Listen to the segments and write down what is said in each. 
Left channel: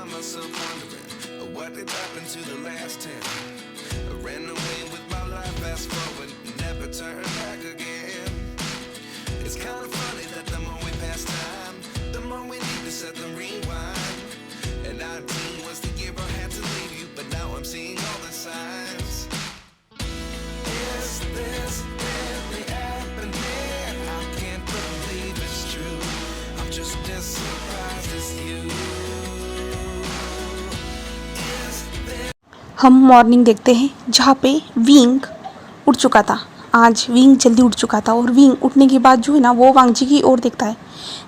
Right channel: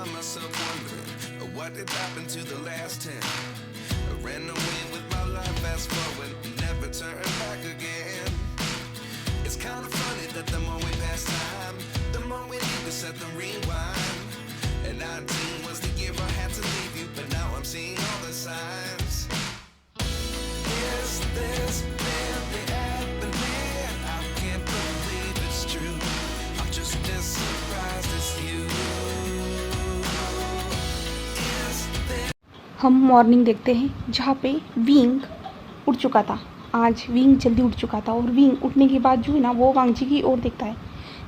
find myself wondering what did happen to the last 10. I ran away with my life, fast forward, never turn back again. It's kind of funny that the more we pass time, the more we need to set them rewind. And 19 was the year I had to leave you, but now I'm seeing all the signs. Is this really happening? I can't believe it's true. I'm just as surprised as you. Is there... हम morning देखते हैं जहाँ पे wing उठ चुका था। आज wing जल्दी उठ चुका था और विंग उठने के बाद जो है ना वो वांगजी की ओर देखता है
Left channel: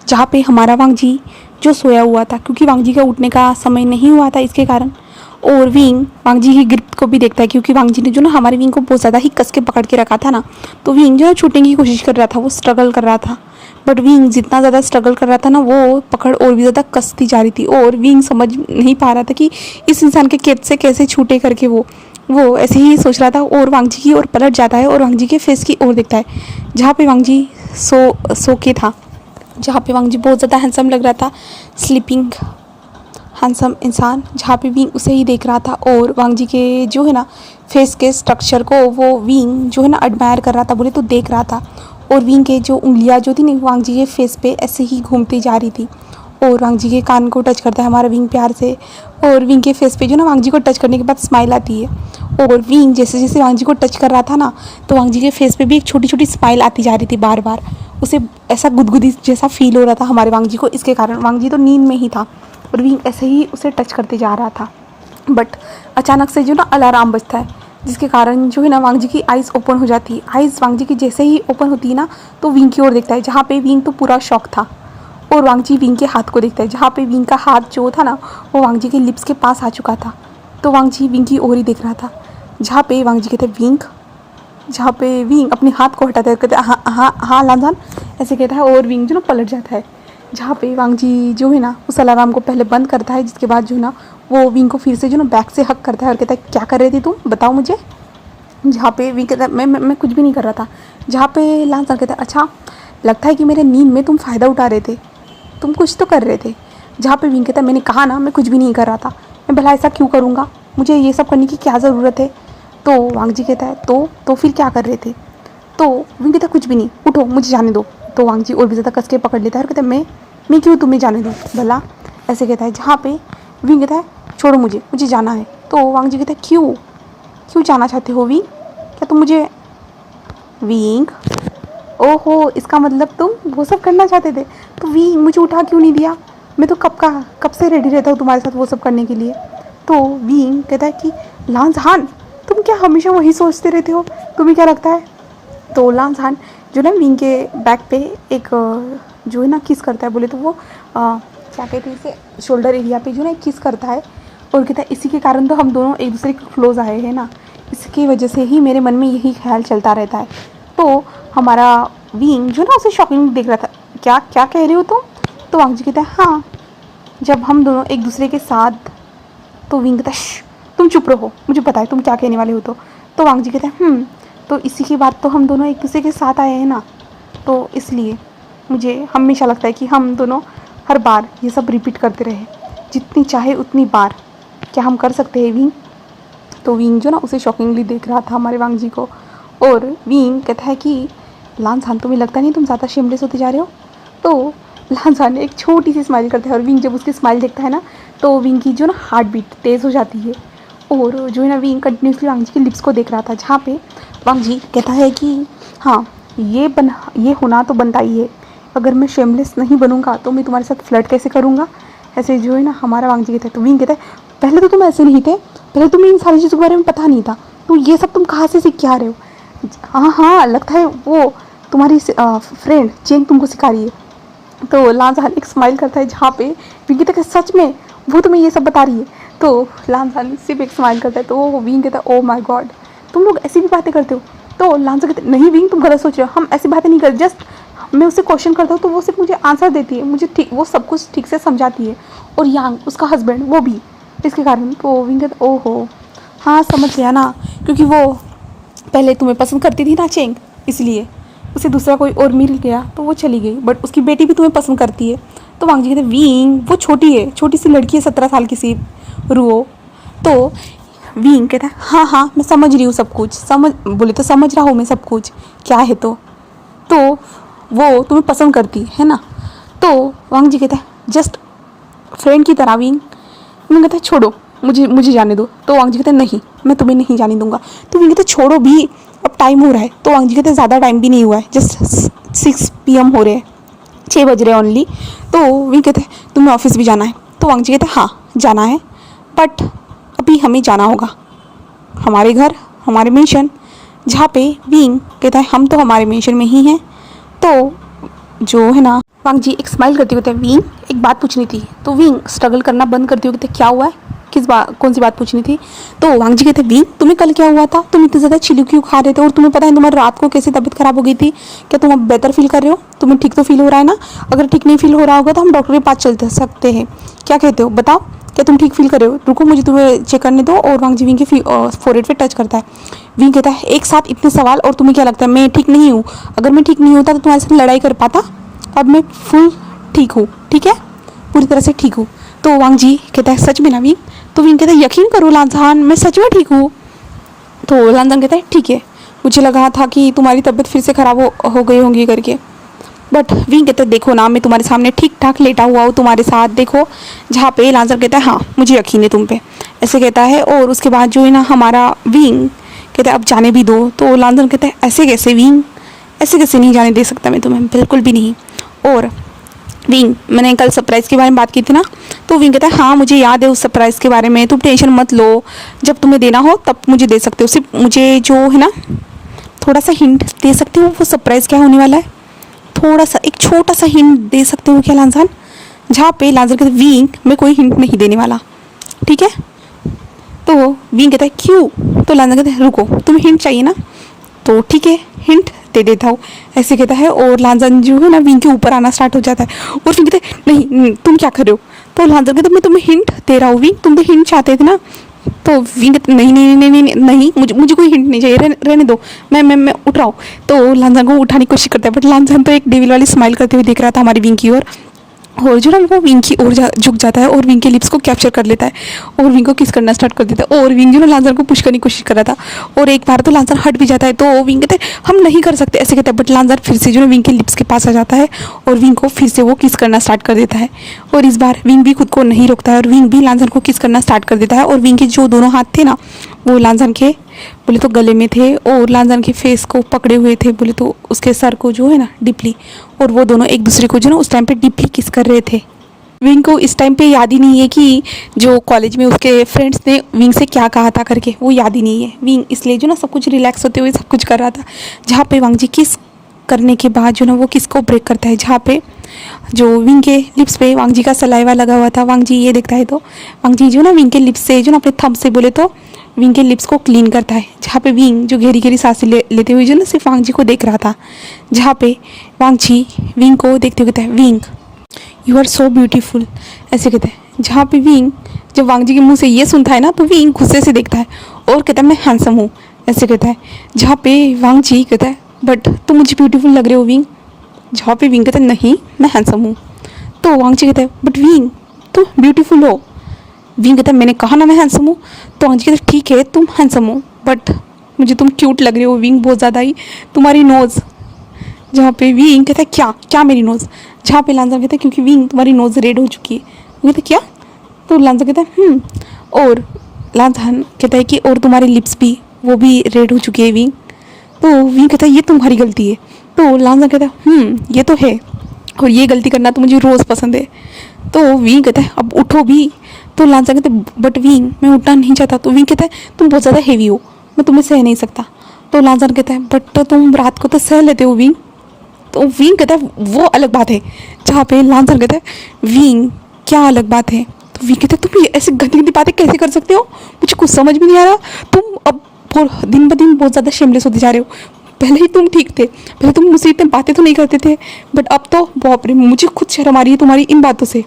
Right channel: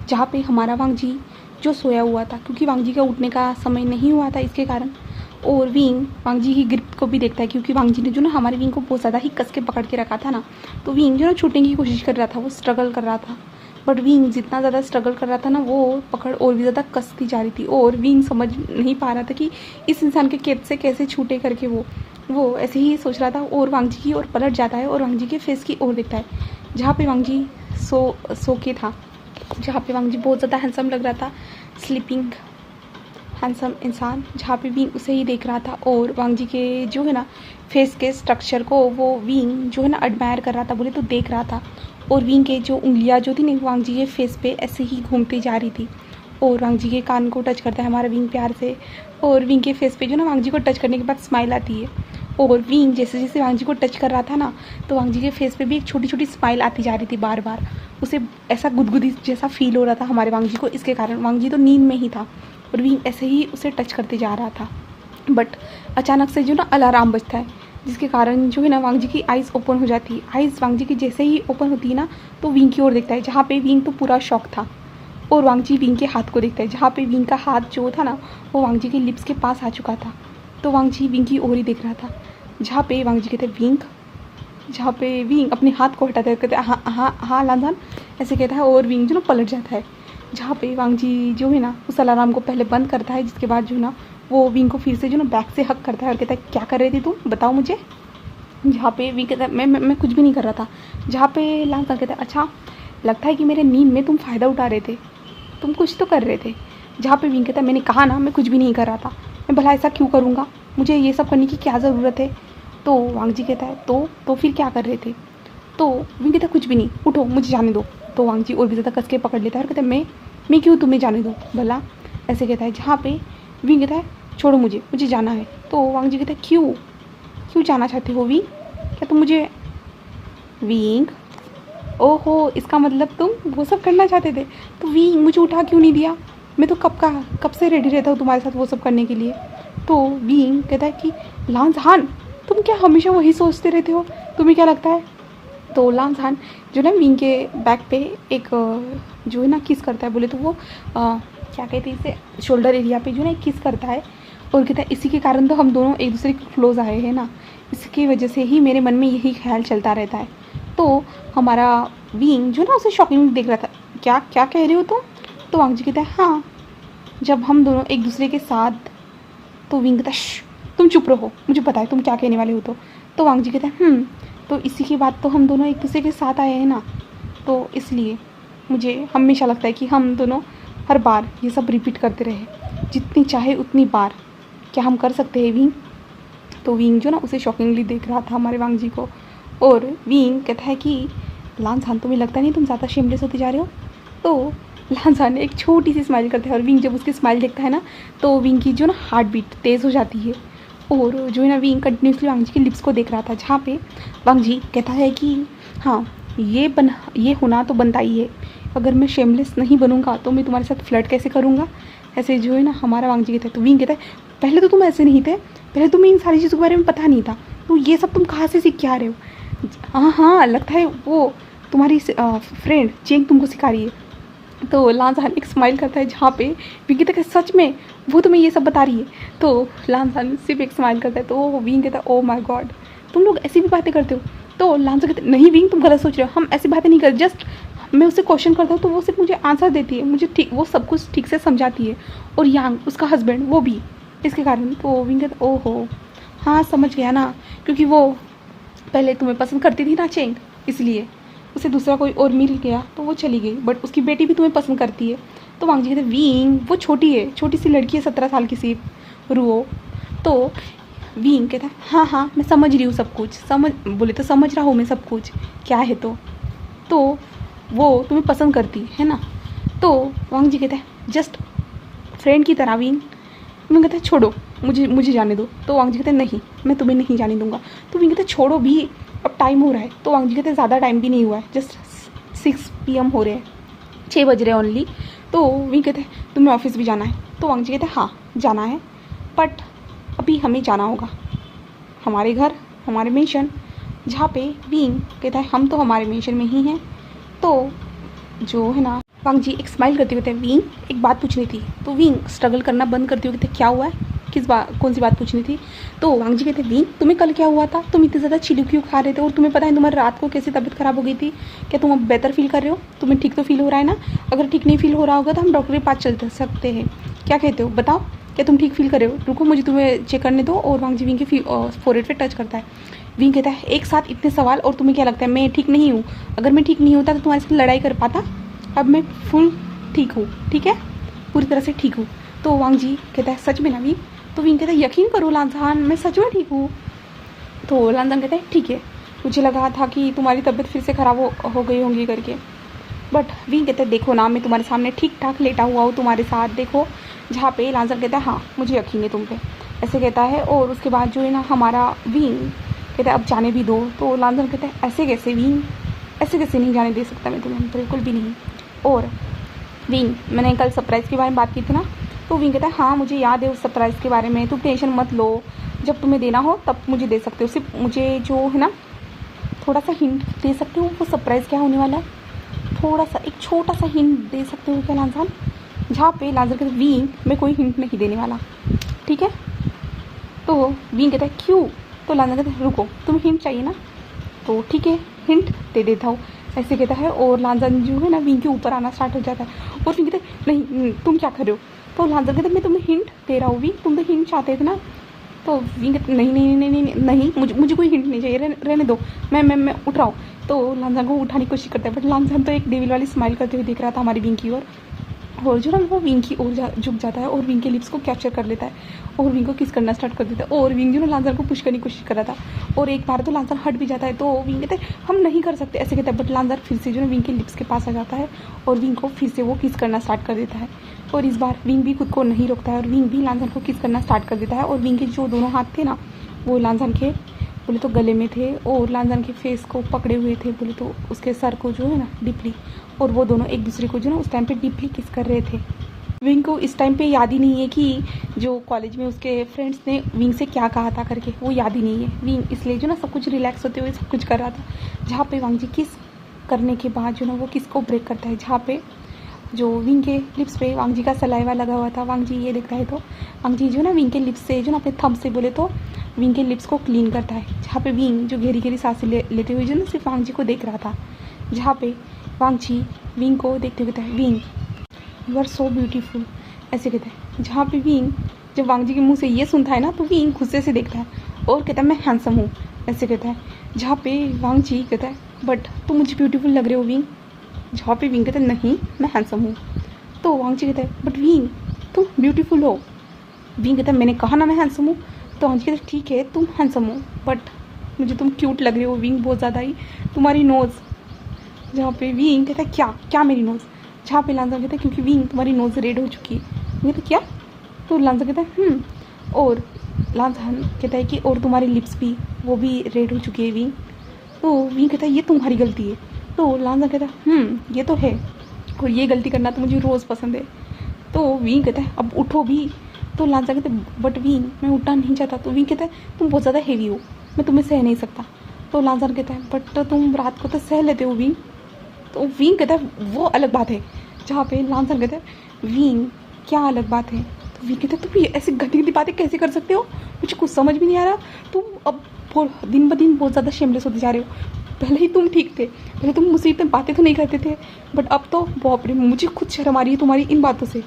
जहाँ पे हमारा वांगजी जो सोया हुआ था, क्योंकि वांगजी का उठने का समय नहीं हुआ था इसके कारण। और विंग वांगजी की ग्रिप को भी देखता है, क्योंकि वांगजी ने जो ना हमारे विंग को बहुत ज़्यादा ही कस के पकड़ के रखा था ना, तो विंग जो है छूटने की कोशिश कर रहा था, वो स्ट्रगल कर रहा था। बट विंग जितना ज़्यादा स्ट्रगल कर रहा था ना, वो पकड़ और भी ज़्यादा कसती जा रही थी और विंग समझ नहीं पा रहा था कि इस इंसान के कैद से कैसे छूटे करके। वो ऐसे ही सोच रहा था और वांगजी की ओर पलट जाता है और वांगजी के फेस की ओर देखता है जहाँ पे वांगजी सो के था, जहाँ पे वांगजी बहुत ज़्यादा हैंडसम लग रहा था, स्लीपिंग हैंडसम इंसान, जहाँ पे विंग उसे ही देख रहा था। और वांगजी के जो है ना फेस के स्ट्रक्चर को वो विंग जो है ना एडमायर कर रहा था, बोले तो देख रहा था। और विंग के जो उंगलियाँ जो थी ना वांगजी के फेस पे ऐसे ही घूमती जा रही थी। और वांगजी के कान को टच करता है हमारा विंग प्यार से, और विंग के फेस पे जो ना वांगजी को टच करने के बाद स्माइल आती है। और विंग जैसे जैसे वांगजी को टच कर रहा था ना, तो वांगजी के फेस पे भी एक छोटी छोटी स्माइल आती जा रही थी बार बार। उसे ऐसा गुदगुदी जैसा फील हो रहा था हमारे वांगजी को, इसके कारण वांगजी तो नींद में ही था और विंग ऐसे ही उसे टच करते जा रहा था। बट अचानक से जो ना अलार्म बजता है, जिसके कारण जो है ना वांगजी की आइज़ ओपन हो जाती है। आइज़ वांगजी की जैसे ही ओपन होती है ना, तो विंग की ओर देखता है जहाँ पे विंग तो पूरा शॉक था। और वांगजी विंग के हाथ को देखता है जहाँ पे विंग का हाथ जो था ना वो वांगजी के लिप्स के पास आ चुका था। तो वांगजी विंग की ओर ही देख रहा था जहाँ पे वांगजी कहते विंग, जहाँ पे विंग अपने हाथ को हटाते कहते हाँ हाँ हाँ लांजान ऐसे कहता है और विंग जो ना पलट जाता है, जहाँ पे वांगजी जो है ना उस अलार्म को पहले बंद करता है, जिसके बाद जो है ना वो विंग को फिर से जो ना बैक से हक करता है और कहता है क्या कर रही थी तुम, बताओ मुझे। जहाँ पे विंग कहता है मैं कुछ भी नहीं कर रहा था। जहाँ पे लांजान कहता है अच्छा लगता है कि मेरे नींद में तुम फ़ायदा उठा रहे थे, तुम कुछ तो कर रहे थे। जहाँ पे विंग कहता है मैंने कहा ना मैं कुछ भी नहीं कर रहा था, मैं भला ऐसा क्यों करूँगा, मुझे ये सब करने की क्या ज़रूरत है। तो वांगजी कहता है तो फिर क्या कर रहे थे। तो विंग कहता है कुछ भी नहीं, उठो मुझे जाने दो। तो वांगजी और भी ज़्यादा कस के पकड़ लेता है और कहता है मैं क्यों तुम्हें जाने दूँ भला, ऐसे कहता है। जहाँ पे विंग कहता है छोड़ो मुझे जाना है। तो वांगजी कहता है क्यों जाना चाहते हो विंग, क्या तुम मुझे। विंग ओहो इसका मतलब तुम वो सब करना चाहते थे, तो विंग मुझे उठा क्यों नहीं दिया, मैं तो कब से रेडी रहता हूँ तुम्हारे साथ वो सब करने के लिए। तो विंग कहता है कि लांजान तुम क्या हमेशा वही सोचते रहते हो, तुम्हें क्या लगता है। तो लांजान जो ना विंग के बैक पे एक जो है ना किस करता है, बोले तो वो क्या कहते हैं इसे, शोल्डर एरिया पे जो ना किस करता है और कहता है इसी के कारण तो हम दोनों एक दूसरे के क्लोज आए हैं ना, इसकी वजह से ही मेरे मन में यही ख्याल चलता रहता है। तो हमारा विंग जो ना उसे शॉकिंग देख रहा था, क्या कह रहे हो तुम। तो वांगजी कहता है हाँ जब हम दोनों एक दूसरे के साथ। तो विंग कहता है तुम चुप रहो, मुझे पता है तुम क्या कहने वाले हो। तो वांगजी कहता है तो इसी के बाद तो हम दोनों एक दूसरे के साथ आए हैं ना, तो इसलिए मुझे हमेशा लगता है कि हम दोनों हर बार ये सब रिपीट करते रहे, जितनी चाहे उतनी बार। क्या हम कर सकते हैं विंग। तो विंग जो ना उसे शॉकिंगली देख रहा था हमारे वांगजी को, और विंग कहता है कि लांजान तुम्हें लगता नहीं तुम ज़्यादा शेमलेस होते जा रहे हो। तो लांजान एक छोटी सी स्माइल करता है और विंग जब उसकी स्माइल देखता है ना, तो विंग की जो ना हार्ट बीट तेज़ हो जाती है। और जो है ना विंग कंटिन्यूसली वांगजी के लिप्स को देख रहा था, जहाँ पे वांगजी कहता है कि हाँ ये होना तो बनता ही है, अगर मैं शेमलेस नहीं बनूंगा तो मैं तुम्हारे साथ फ्लर्ट कैसे करूँगा, ऐसे जो है ना हमारा वांगजी कहता है। तो विंग कहता है पहले तो तुम ऐसे नहीं थे, पहले तुम्हें इन सारी चीज़ों के बारे में पता नहीं था, तो ये सब तुम कहाँ से सीख के आ रहे हो। हाँ लगता है वो तुम्हारी फ्रेंड चेंग तुमको सिखा रही है। तो लांजान एक स्माइल करता है, जहाँ पे विंग कहता है सच में वो तुम्हें ये सब बता रही है। तो लांजान सिर्फ एक स्माइल करता है। तो विंग कहता है ओ माय गॉड तुम लोग ऐसी भी बातें करते हो। तो लांजान कहते नहीं विंग तुम गलत सोच रहे हो, हम ऐसी बातें नहीं करते, जस्ट मैं उससे क्वेश्चन करता हूँ तो वो सिर्फ मुझे आंसर देती है, मुझे ठीक वो सब कुछ ठीक से समझाती है, और यांग उसका हस्बैंड वो भी, इसके कारण। तो विंग कहता ओहो हाँ समझ गया ना, क्योंकि वो पहले तुम्हें पसंद करती थी ना चेंग, इसलिए उसे दूसरा कोई और मिल गया तो वो चली गई, बट उसकी बेटी भी तुम्हें पसंद करती है, तो वांग जी कहते विंग वो छोटी है, छोटी सी लड़की है 17 साल की सी रुओ। तो विंग कहता है हाँ हाँ मैं समझ रही हूँ सब कुछ, बोले तो समझ रहा हूँ मैं सब कुछ क्या है। तो वो तुम्हें पसंद करती है ना। तो वांग जी कहता है जस्ट फ्रेंड की तरह विंग। विंग कहता है छोड़ो मुझे जाने दो। तो वांग जी कहते हैं नहीं मैं तुम्हें नहीं जाने दूंगा। तो विंग कहते छोड़ो भी, अब टाइम हो रहा है। तो वांग जी कहते ज़्यादा टाइम भी नहीं हुआ है, जस्ट 6 PM हो रहे हैं, 6 बज रहे हैं ओनली। तो विंग कहते हैं तुम्हें ऑफिस भी जाना है। तो वांग जी कहते हैं हाँ जाना है, बट अभी हमें जाना होगा हमारे घर, हमारे मेंशन, जहाँ पे विंग कहता है हम तो हमारे मेंशन में ही हैं। तो जो है ना वांग जी एक स्माइल करते हुए कहते हैं विंग एक बात पूछनी थी। तो विंग स्ट्रगल करना बंद करते हुए कहते क्या हुआ है, कौन सी बात पूछनी थी। तो वांग जी कहते विंग तुम्हें कल क्या हुआ था, तुम इतने ज़्यादा चिली क्यों खा रहे थे, और तुम्हें पता है तुम्हारी रात को कैसे तबीयत खराब हो गई थी, क्या तुम अब बेहतर फील कर रहे हो, तुम्हें ठीक तो फील हो रहा है ना। अगर ठीक नहीं फील हो रहा होगा तो हम डॉक्टर के पास चल सकते हैं, क्या कहते हो बताओ, क्या तुम ठीक फील कर रहे हो, रुको मुझे तुम्हें चेक करने दो। और वांग जी विंग के फोरहेड पे टच करता है। विंग कहता है एक साथ इतने सवाल, और तुम्हें क्या लगता है मैं ठीक नहीं हूँ, अगर मैं ठीक नहीं होता तो तुम्हारे साथ लड़ाई कर पाता, अब मैं फुल ठीक हूँ, ठीक है पूरी तरह से ठीक हूँ। तो वांग जी कहता है सच में ना विंग। तो विंग कहता है यकीन करो लांझान मैं सच में ठीक हूँ। तो लांझान कहता है ठीक है मुझे लगा था कि तुम्हारी तबीयत फिर से ख़राब हो गई होंगी करके, बट विंग कहता है देखो ना मैं तुम्हारे सामने ठीक ठाक लेटा हुआ हूँ तुम्हारे साथ, देखो। जहाँ पे लांझान कहता है हाँ मुझे यकीन है तुम पे, ऐसे कहता है। और उसके बाद जो है ना हमारा विंग कहता है अब जाने भी दो। तो लांझान कहता है ऐसे कैसे विंग, ऐसे कैसे नहीं जाने दे सकता मैं तुम्हें, बिल्कुल भी नहीं। और विंग मैंने कल सरप्राइज़ के बारे में बात की थी ना। तो विंग कहता है हाँ मुझे याद है उस सरप्राइज़ के बारे में, तुम टेंशन मत लो, जब तुम्हें देना हो तब मुझे दे सकते हो, सिर्फ मुझे जो है ना थोड़ा सा हिंट दे सकते हो वो सरप्राइज़ क्या होने वाला है, थोड़ा सा एक छोटा सा हिंट दे सकते हो क्या लांझान। जहाँ पे लांझान कहते विंग मैं कोई हिंट नहीं देने वाला, ठीक है। तो विंग कहता है क्यों। तो लांझान कहते हैं रुको तुम्हें हिंट चाहिए ना, तो ठीक है हिंट दे देता हूँ, ऐसे कहता है। और लांझान जो है ना विंग के ऊपर आना स्टार्ट हो जाता है। और विंग कहते हैं नहीं तुम क्या कर रहे हो। तो लांझान कहते मैं तुम्हें हिंट दे रहा हूँ विंग, तुम तो हिंट चाहते थे ना। तो विंग कहते नहीं नहीं नहीं नहीं नहीं मुझे कोई हिंट नहीं चाहिए, रहने दो, मैं उठ रहा हूँ। तो लांझान को उठाने की कोशिश करता है, बट लांझान तो एक डेविल वाली स्माइल करते हुए देख रहा था हमारी विंग की ओर। और जो ना वो विंग की ओर झुक जाता है और विंग के लिप्स को कैप्चर कर लेता है और विंग को किस करना स्टार्ट कर देता है। और विंग जो ना लांझान को पुश करने की कोशिश कर रहा था और एक बार तो लांझान हट भी जाता है। तो विंग कहते हैं हम नहीं कर सकते, ऐसे कहते हैं। बट लांझान फिर से जो ना विंग के लिप्स के पास आ जाता है और विंग को फिर से वो किस करना स्टार्ट कर देता है। और इस बार विंग भी खुद को नहीं रोकता है और विंग भी लांझान को किस करना स्टार्ट कर देता है। और विंग के जो दोनों हाथ थे ना वो लांझान के बोले तो गले में थे और लांझान के फेस को पकड़े हुए थे, बोले तो उसके सर को जो है ना डीपली, और वो दोनों एक दूसरे को जो ना उस टाइम पे डीपली किस कर रहे थे। विंग को इस टाइम पे याद ही नहीं है कि जो कॉलेज में उसके फ्रेंड्स ने विंग से क्या कहा था करके, वो याद ही नहीं है। विंग इसलिए जो ना सब कुछ रिलैक्स होते हुए सब कुछ कर रहा था। जहाँ पे वांग जी किस करने के बाद जो ना वो किस को ब्रेक करता है, जहाँ पे जो विंग के लिप्स पे वांग जी का सलाइवा लगा हुआ था। वांग जी ये देखता है तो वांग जी जो ना विंग के लिप्स से जो ना अपने थंब से बोले तो विंग के लिप्स को क्लीन करता है। जहाँ पे विंग जो घेरी घेरी सांसें लेते हुए जो ना सिर्फ वांग जी को देख रहा था। जहाँ पे वांग जी विंग को देखते हुए कहता है विंग यू आर सो ब्यूटीफुल, ऐसे कहते हैं। जहाँ पे विंग जब वांग जी के मुंह से ये सुनता है ना तो विंग गुस्से से देखता है और कहता है मैं हैंडसम हूँ, ऐसे कहता है। जहाँ पे वांग जी कहता है बट तुम मुझे ब्यूटीफुल लग रहे हो विंग। जहाँ पे विंग कहता है नहीं मैं हैंडसम हूँ। तो वांग जी कहता है बट विंग तुम ब्यूटीफुल हो। विंग कहता है मैंने कहा ना मैं हैंडसम हूँ। तो वांग जी कहता है ठीक है तुम हैंडसम हो बट मुझे तुम क्यूट लग रहे हो विंग, बहुत ज़्यादा ही, तुम्हारी नोज़। जहाँ पे विंग कहता है क्या क्या मेरी नोज़। जहाँ पे लांझान कहता है क्योंकि विंग तुम्हारी नोज़ रेड हो चुकी है। वो कहता है क्या। तो लांझान कहता है और लांझान कहता है कि और तुम्हारी लिप्स भी वो भी रेड हो चुकी है विंग। तो विंग कहता है ये तुम्हारी गलती है। तो लांझान कहता है ये तो है और ये गलती करना तो मुझे रोज़ पसंद है। तो विंग कहता है अब उठो भी। तो लांझान कहता है बट विंग मैं उठना नहीं चाहता। तो विंग कहता है तुम बहुत ज़्यादा हेवी हो, मैं तुम्हें सह नहीं सकता। तो लांझान कहता है बट तो तुम रात को तो सह लेते हो विंग। तो विंग कहता है वो अलग बात है। जहाँ पे लांझान कहता है विंग क्या अलग बात है। तो विंग कहता है तुम ऐसी गंदी गंदी बातें कैसे कर सकते हो, मुझे कुछ समझ भी नहीं आ रहा। तुम अब दिन ब दिन बहुत ज़्यादा शेमलेस होते जा रहे हो। पहले ही तुम ठीक थे, पहले तुम मुझसे इतनी बातें तो नहीं करते थे, बट अब तो बाप रे मुझे खुद शर्म आ रही है तुम्हारी इन बातों से।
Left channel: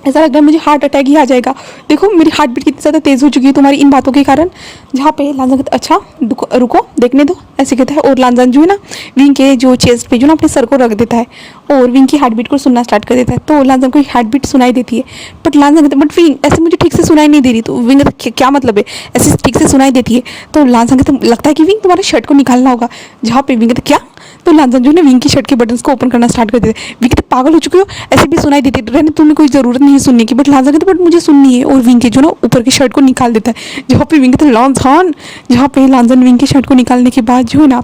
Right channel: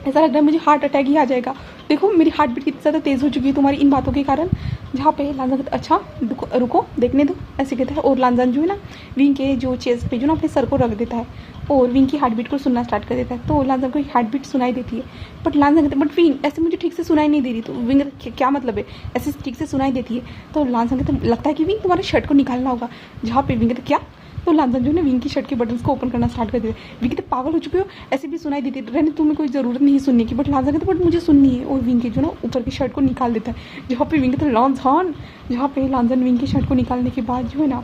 ऐसा लग रहा है मुझे हार्ट अटैक ही आ जाएगा। देखो मेरी हार्ट बीट कितनी ज़्यादा तेज़ हो चुकी है तुम्हारी इन बातों के कारण। जहाँ पे लांजान कहता है अच्छा रुको देखने दो, ऐसे कहता है। और लांजान जो है ना विंग के जो चेस्ट पे जो ना अपने सर को रख देता है और विंग की हार्ट बीट को सुनना स्टार्ट कर देता है। तो लांजान को हार्ट बीट सुनाई देती है, बट लांजान कहता है बट विंग ऐसे मुझे ठीक से सुनाई नहीं दे रही। तो विंग कहता क्या मतलब है, ऐसे ठीक से सुनाई देती है। तो लांजान कहता लगता है कि विंग तुम्हारे शर्ट को निकालना होगा। जहाँ पे विंग कहता क्या, तो लांजान जो है ना विंग की शर्ट के बटन्स को ओपन करना स्टार्ट कर देते हैं। विंग कहते पागल हो चुके हो, ऐसे भी सुनाई देती रहने, तुम्हें कोई ज़रूरत नहीं है सुनने की। बट लांजान कहते बट मुझे सुननी है, और विंग के जो ना ऊपर की शर्ट को निकाल देता है। जहाँ पे विंग कहते लांजान, जहाँ पे लांजान विंग की शर्ट को निकालने के बाद जो है ना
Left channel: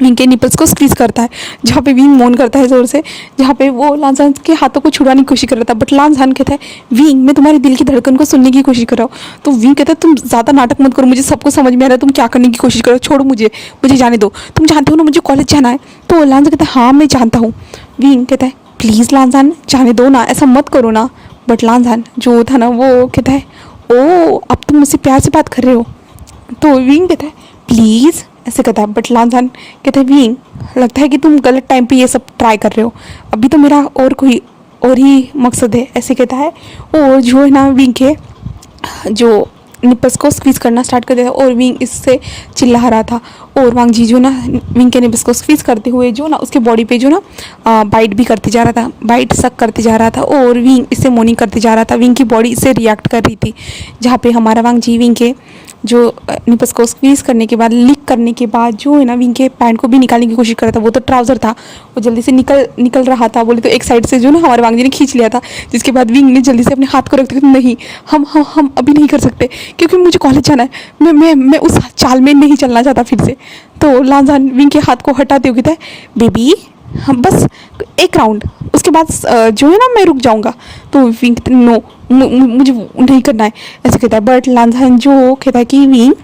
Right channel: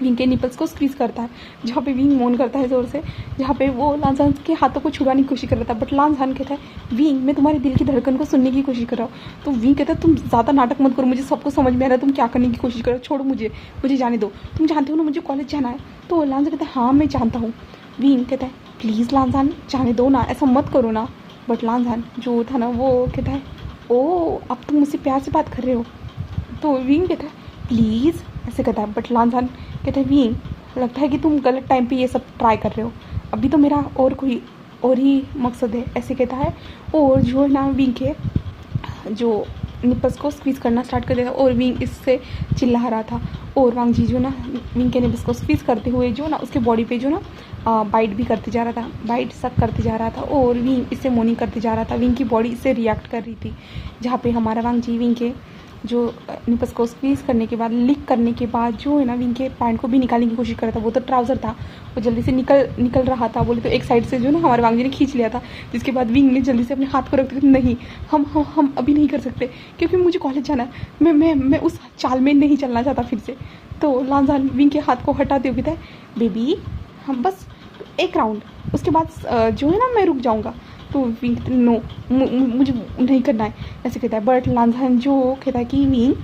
विंग के निपल्स को स्क्वीज करता है। जहाँ पे विंग मौन करता है ज़ोर से, जहाँ पे वो लांजान के हाथों को छुड़ाने की कोशिश कर रहा था। बट लांजान कहता है विंग मैं तुम्हारे दिल की धड़कन को सुनने की कोशिश कर रहा हूँ। तो विंग कहता है तुम ज़्यादा नाटक मत करो, मुझे सब कुछ समझ में आ रहा है तुम क्या करने की कोशिश करो, छोड़ो मुझे जाने दो। तुम जानते हो ना मुझे कॉलेज जाना है। तो लांजान कहता है हाँ मैं जानता हूँ। विंग कहता है प्लीज़ लांजान जाने दो ना, ऐसा मत करो ना। बट लांजान जो था ना वो कहता है ओ अब तुम मुझसे प्यार से बात कर रहे हो। तो विंग कहता है प्लीज़ ऐसे कहता है। बट लांजान कहता है विंग लगता है कि तुम गलत टाइम पे ये सब ट्राई कर रहे हो, अभी तो मेरा और ही मकसद है, ऐसे कहता है। और जो है ना विंग के जो निपल्स को स्क्वीज करना स्टार्ट कर दिया और विंग इससे चिल्ला रहा था। और वांग जी जो ना विंग के निपल्स को स्क्वीज करते हुए जो ना उसके बॉडी पे जो ना बाइट भी करते जा रहा था, बाइट सक करते जा रहा था और विंग इससे मोर्निंग करते जा रहा था। विंग की बॉडी इससे रिएक्ट कर रही थी। जहाँ पे हमारा वांग जी विंग के जो निपल्स को स्क्वीज करने के बाद लीक करने के बाद जो है ना विंग के पैंट को भी निकालने की कोशिश कर रहा था। वो तो ट्राउज़र था, वो जल्दी से निकल रहा था। बोले तो एक साइड से जो ना हमारे वांग जी ने खींच लिया था, जिसके बाद विंग ने जल्दी से अपने हाथ को रखते हुए नहीं हम अभी नहीं कर सकते क्योंकि मुझे कॉलेज जाना है, मैं उस चाल में नहीं चलना चाहता फिर से। तो लांजान विंग के हाथ को हटाते हुए कहता है बेबी हम बस एक राउंड, उसके बाद जो है ना मैं रुक जाऊंगा। तो विंग नो मुझे नहीं करना है, ऐसे कहता है। बट लांजान जो कहता है कि विंग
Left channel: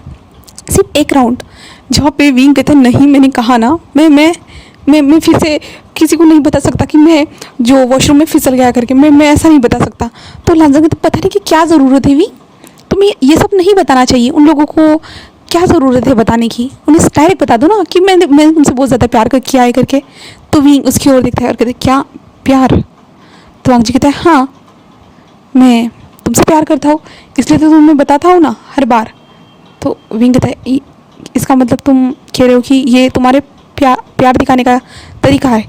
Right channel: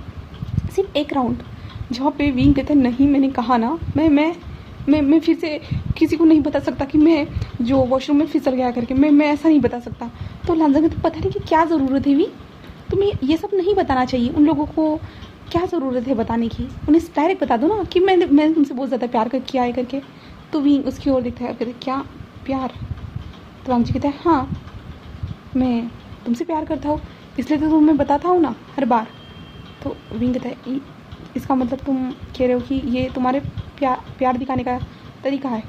सिर्फ एक राउंड। जहाँ पे विंग कहता है नहीं मैंने कहा ना मैं फिर से किसी को नहीं बता सकता कि मैं जो वॉशरूम में फिसल गया करके, मैं ऐसा नहीं बता सकता। तो लांजान कहता पता नहीं कि क्या ज़रूरत है विंग, तुम्हें ये सब नहीं बताना चाहिए, उन लोगों को क्या ज़रूरत है बताने की, उन्हें डायरेक्ट बता दो ना कि मैंने तुमसे बहुत ज़्यादा प्यार किया है करके। तो विंग उसकी ओर देखता है और कहते क्या प्यार। तो वांग जी कहता है हाँ मैं तुमसे प्यार करता हूँ, इसलिए तो तुम्हें बताता हूँ ना हर बार। तो विंग कहता है इसका मतलब तुम कह रहे हो कि ये तुम्हारे प्यार दिखाने का तरीका है।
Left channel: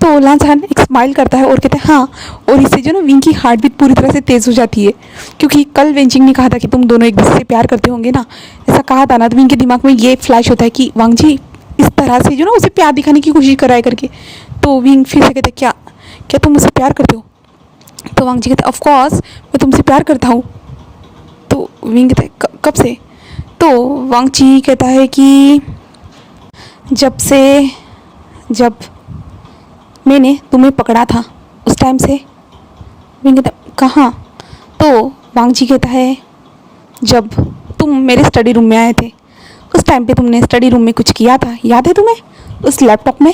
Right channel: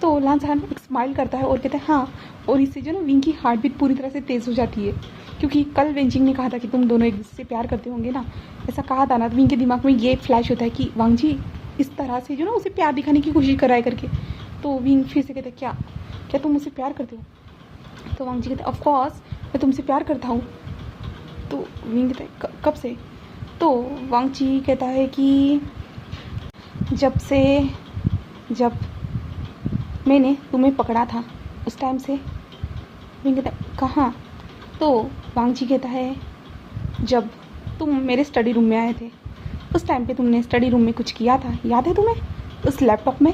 तो लांजान एक स्माइल करता है और कहता है हाँ, और इससे जो ना विंग की हार्ट बीट पूरी तरह से तेज़ हो जाती है, क्योंकि कल वेंचिंग ने कहा था कि तुम दोनों एक दूसरे से प्यार करते होंगे ना, ऐसा कहा था ना। तो विंग के दिमाग में ये फ्लैश होता है कि वांग जी इस तरह से जो ना उसे प्यार दिखाने की कोशिश कराए करके। तो विंग फिर से कहते क्या तुम मुझसे प्यार करते हो। तो वांग जी कहते ऑफ कोर्स मैं तुमसे प्यार करता हूँ। तो विंग कहता है कब से। तो वांग जी कहता है कि जब मैंने तुम्हें पकड़ा था उस टाइम से। विंग कहता है कहाँ। तो वांग जी कहता है जब तुम मेरे स्टडी रूम में आए थे उस टाइम पे तुमने स्टडी रूम में कुछ किया था, याद है तुम्हें, उस लैपटॉप में,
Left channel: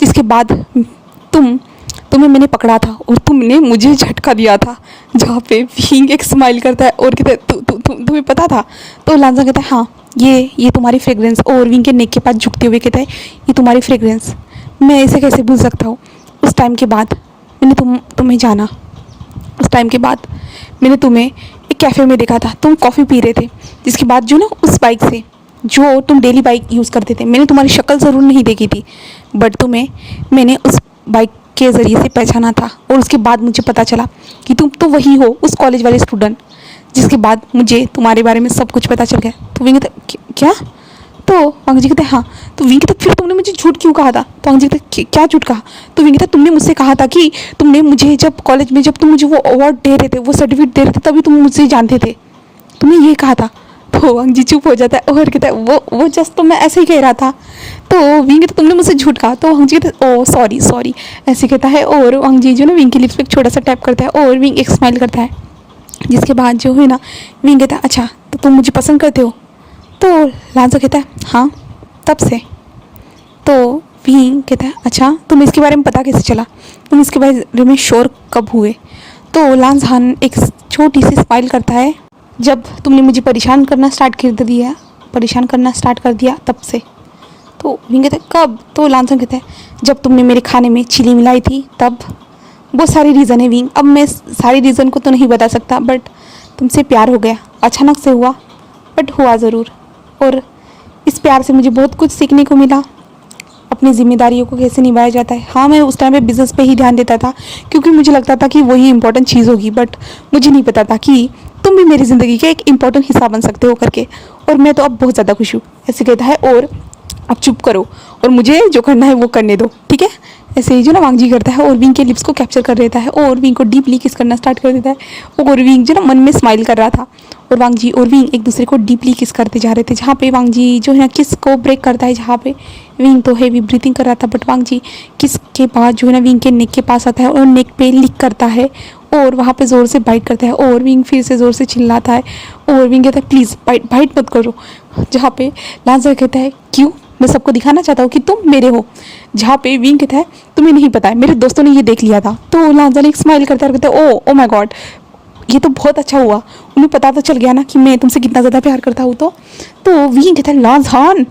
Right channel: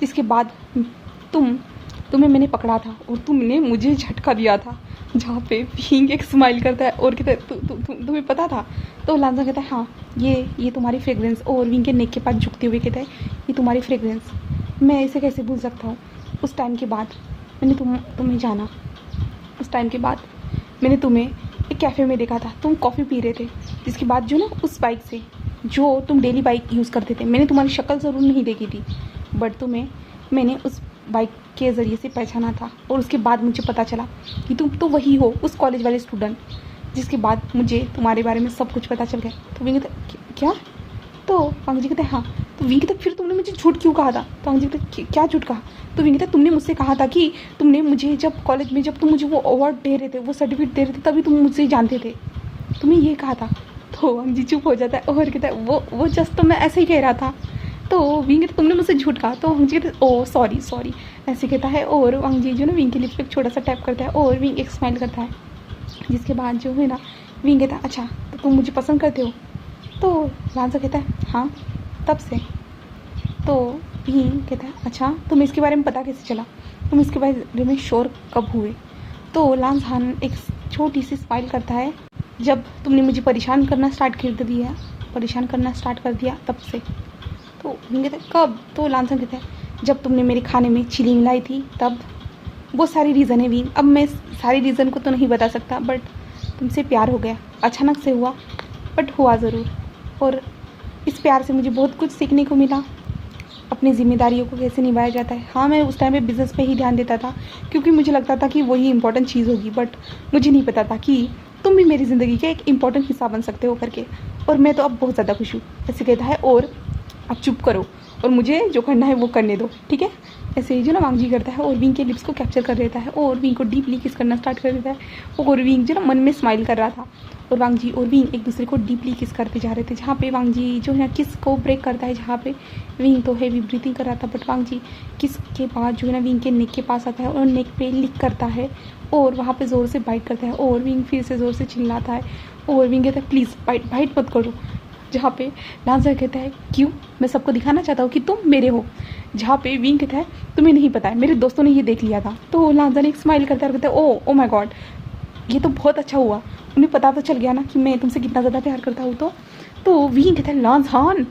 जिसके बाद तुम्हें मैंने पकड़ा था और तुमने मुझे झटका दिया था। जहाँ पे विंग एक स्माइल करता है और कहता है तुम्हें पता था। तो लांजान कहता है हाँ ये तुम्हारी फ्रेग्रेंस, और विंग के नेक के पास झुकते हुए कहता है ये तुम्हारी फ्रेग्रेंस, मैं इसे कैसे भूल सकता हूँ। उस टाइम के बाद मैंने तुम्हें जाना, उस टाइम के बाद मैंने तुम्हें एक कैफ़े में देखा था, तुम कॉफ़ी पी रहे थे, जिसके बाद जो ना उस बाइक से जो तुम डेली बाइक यूज़ करते थे, मैंने तुम्हारी शक्ल ज़रूर नहीं देखी थी बट तुम्हें मैंने उस बाइक के ज़रिए से पहचाना था। और उसके बाद मुझे पता चला कि तुम तो वही हो, उस कॉलेज वाले स्टूडेंट, जिसके बाद मुझे तुम्हारे बारे में सब कुछ पता चल गया। तो विंग कहता क्या। तो वांग जी कहते हाँ। तो विंग कहता फिर तुमने मुझे झूठ क्यों कहा था। तो वांग जी कहते क्या झूठ कहा। तो विंग कहता तुमने मुझसे कहा था कि तुमने मुझे जब कॉलेज में जब तुम मुझे वो अवार्ड दे रहे थे, वो सर्टिफिकेट दे रहे थे, तभी तुम मुझसे जानते थे, तुमने ये कहा था। तो वांग जी चुप हो जाता है और कहता है वो जस्ट तो मैं ऐसे ही कह रहा था। तो विंग कहता तुमने मुझसे झूठ कहा। तो वांग जी कहते ओ सॉरी ऐसे कहता है। और वांग जी जो ना विंग की लिप्स पे एक छोटा सा टैप करता है और विंग एक स्माइल करता है, जिसके बाद जो है ना विंग कहता है अच्छा तो तुम मुझे पसंद करते हो। तो लांजा कहता है हाँ तब से। तो विंग कहता है अच्छा तुम्हें इसके बारे में पता कैसे चला, तुम इसके बारे में श्योर कब हुए। तो लांजान एक छोटी सी स्माइल करता है, जब तुमने मुझे परेशान करना स्टार्ट कर दिया तब से। तो विंग कहता है कब। तो लांजान कहता है जब तुमने मेरे खाने में चिली मिलाई थी तब। बहुत सारे रीज़न है विंग, अब मैं सारे रीज़न को तो नहीं बता सकता, बट तुमसे प्यार हो गया, अचानक से हुआ बट हुआ ज़रूर। और इस प्यार से मुझे बहुत कुछ सीखने को मिला, अपनी ज़िम्मेदारियों को कैसे निभाया जाता है। हाँ, मैं उस टाइम पे बिज़नेस पे ही ध्यान देता था क्योंकि मुझे लगता था कि वही इंपॉर्टेंट चीज़ होगी, बट मुझे नहीं पता था कि तुम भी मेरी ज़िंदगी का एक इम्पॉर्टेंट हिस्सा बन सकते हो करके। और मैं तो अब बहुत ज़्यादा खुश हूँ, ऐसे कहता है। और अब चुप करो और मुझे जो करना है वो करने दो, ठीक है। ऐसे ही जो ना वांग जी करता है और विंग के लिप्स को कैप्चर कर देता है और विंग को डीपली किस करना स्टार्ट कर देता है। और विंग जो ना मन में स्माइल कर रहा था और वांग जी और विंग एक दूसरे को डीपली किस करते जा रहे थे। जहाँ पे वांग जी जो है ना किस को ब्रेक करता है, जहाँ पे विंग तो हैवी ब्रीथिंग कर रहा था, बट वांग जी किस के बाद जो है ना विंग के नेक के पास आता है और नेक पे लिक करता है और वहाँ पे ज़ोर से बाइट करता है और विंग फिर से ज़ोर से चिल्लाता है और विंग कहता है प्लीज़ बाइट बाइट मत करो। जहाँ पे लांसर कहता है क्यों, मैं सबको दिखाना चाहता हूँ कि तुम मेरे हो। जहाँ पे विंग कहता है तुम्हें नहीं पता है, मेरे दोस्तों ने ये देख लिया था। तो लांसर एक स्माइल करता है और कहता है ओ माय गॉड, ये तो बहुत अच्छा हुआ, उन्हें पता तो चल गया ना कि मैं तुमसे कितना ज़्यादा प्यार करता हूँ। तो विंग कहता है लांसान।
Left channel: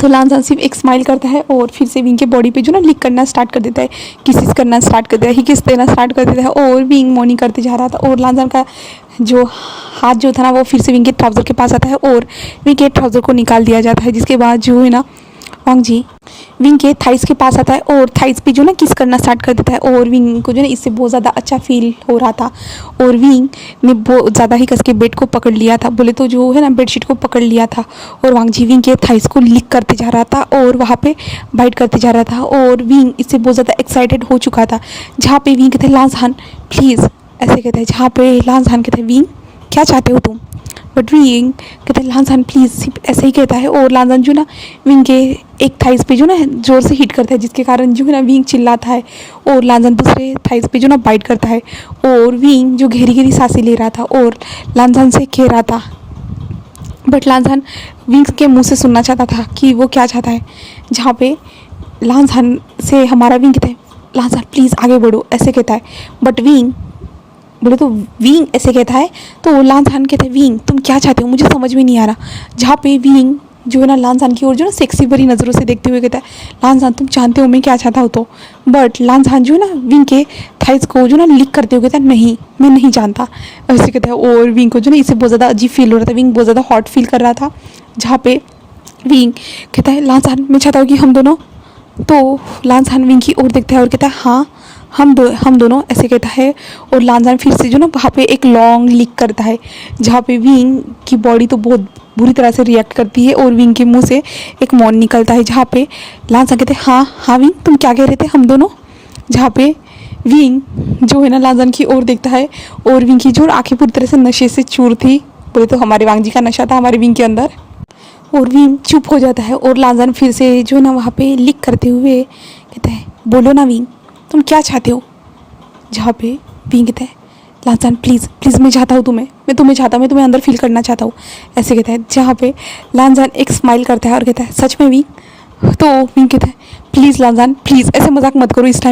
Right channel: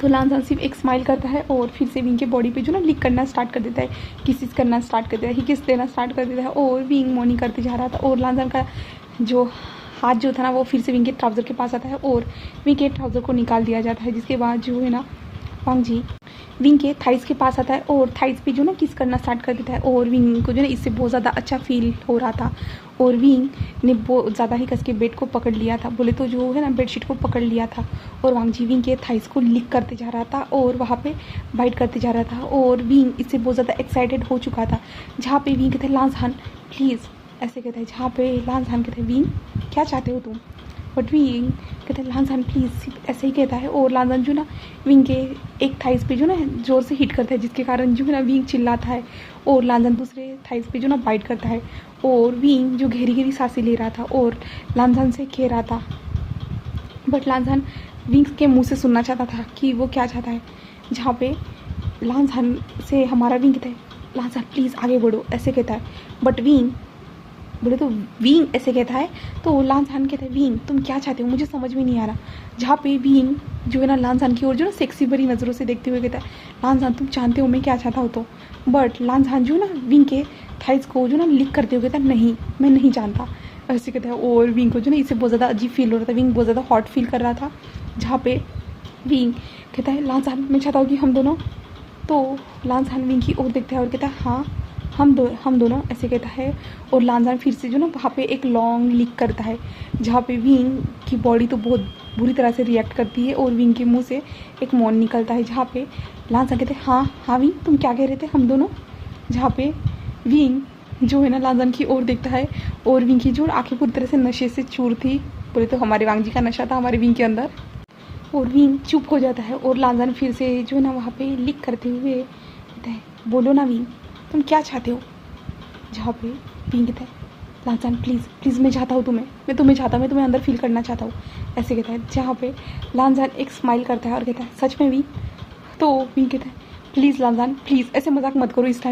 तो लांसान सिर्फ एक स्माइल करता है और फिर से विंग के बॉडी पे जो ना लिक करना स्टार्ट कर देता है, किसिस करना स्टार्ट कर देता है, ही किस देना स्टार्ट कर देता है और विंग मॉर्निंग करते जा रहा था। और लांसान का जो हाथ जो था ना वो फिर से विंग के ट्राउज़र के पास आता है और विंग के ट्राउज़र को निकाल दिया जाता है। जिसके बाद जो है ना वांग जी विंग के थाइस के पास आता है और थाइस पे जो ना किस करना स्टार्ट कर देता है और विंग को जो ना इससे बहुत ज़्यादा अच्छा फील हो रहा था। और विंग ने बहुत ज़्यादा ही कस के बेड को पकड़ लिया था, बोले तो जो है ना बेडशीट को पकड़ लिया था। और वांग जी विंग के थाइस को लिक करते जा रहा था और वहाँ पे बाइट करते जा रहा था और विंग इससे बहुत ज़्यादा एक्साइटेड हो चुका था। जहाँ पे विंग कहते हैं लांसान प्लीज़, ऐसे कहते हैं। जहाँ पे लांसान कहते हैं विंग क्या चाहते हो तुम, बट विंग कहते हैं लांसान प्लीज़, सिर्फ ऐसे ही कहता है। और लांसान जो ना विंग के एक थाइस पे जो ना ज़ोर से हिट करता है, जिसके कारण जो है ना विंग चिल्लाता है और लांसान दूसरे थाइस पे जो ना बाइट करता है। और विंग जो गहरी गहरी सांसें ले रहा था और लांसान से कह रहा था, बट लांसान विंग के मुंह से सुनना चाहता था कि वो क्या चाहता है। जहाँ पे लांसान से हमारा विंग कहता है लांसान प्लीज़ आगे बढ़ो, ऐसे कहता है। बट विंग बोले तो विंग ऐसे कहता है तो लांसान कहता है विंग तुम क्या चाहते हो, मुझे समझ में नहीं आ रहा। जहाँ पे विंग जो है ना लांसान की ओर जो ना सेक्सी भरी नज़रों से देखते हुए कहता है लांसान तुम जानते हो मैं क्या चाहता हूँ। तो बट लांसान जो है ना विंग के थाइस को जो ना लिक करते हुए कहता है नहीं मैं नहीं जानता, ऐसे कहता है। और विंग को जो ना इससे बहुत ज़्यादा अजीब फील हो रहा था, विंग बहुत ज़्यादा हॉट फील कर रहा था। जहाँ पे विंग कहता है लांसान मैं चाहता हूँ कि हम दोनों, तो लांसान विंग की ओर देखता है और कहता है हाँ हम दोनों, ऐसे कहता है। और लांसान फिर से जो ना वहाँ पे एक लॉन्ग लिक करता है, जहाँ पे विंग की बॉडी तो बहुत बुरी तरह से रिएक्ट करती है और विंग के मुंह से एक मौन निकलता है। जहाँ पे लांसान कहते हैं हाँ विंग तुम क्या कह रहे थे हम दोनों। जहाँ पे विंग जो है ना लांसान की ओर देखता है और विंग की जो आँखें पूरी तरह से नशे से चूर थी, बोले तो हमारे वांग जी का नशा था हमारे विंग के अंदर। और विंग चुप हो जाता है और लांसान फिर से जो है ना वहाँ पे लिक करते हुए कहता है बोलो ना विंग तुम क्या चाहते हो। जहाँ पे विंग कहता है लांसान प्लीज़ प्लीज़ मैं चाहता हूँ तुम्हें, मैं तुम्हें चाहता हूँ, मैं तुम्हें अंदर फील करना चाहता हूँ, ऐसे कहता है। जहाँ पे लांसान एक स्माइल करता है और कहता है सच में विंग। तो विंग कहता है प्लीज़ लांसान प्लीज़ ऐसे मजाक मत करो इस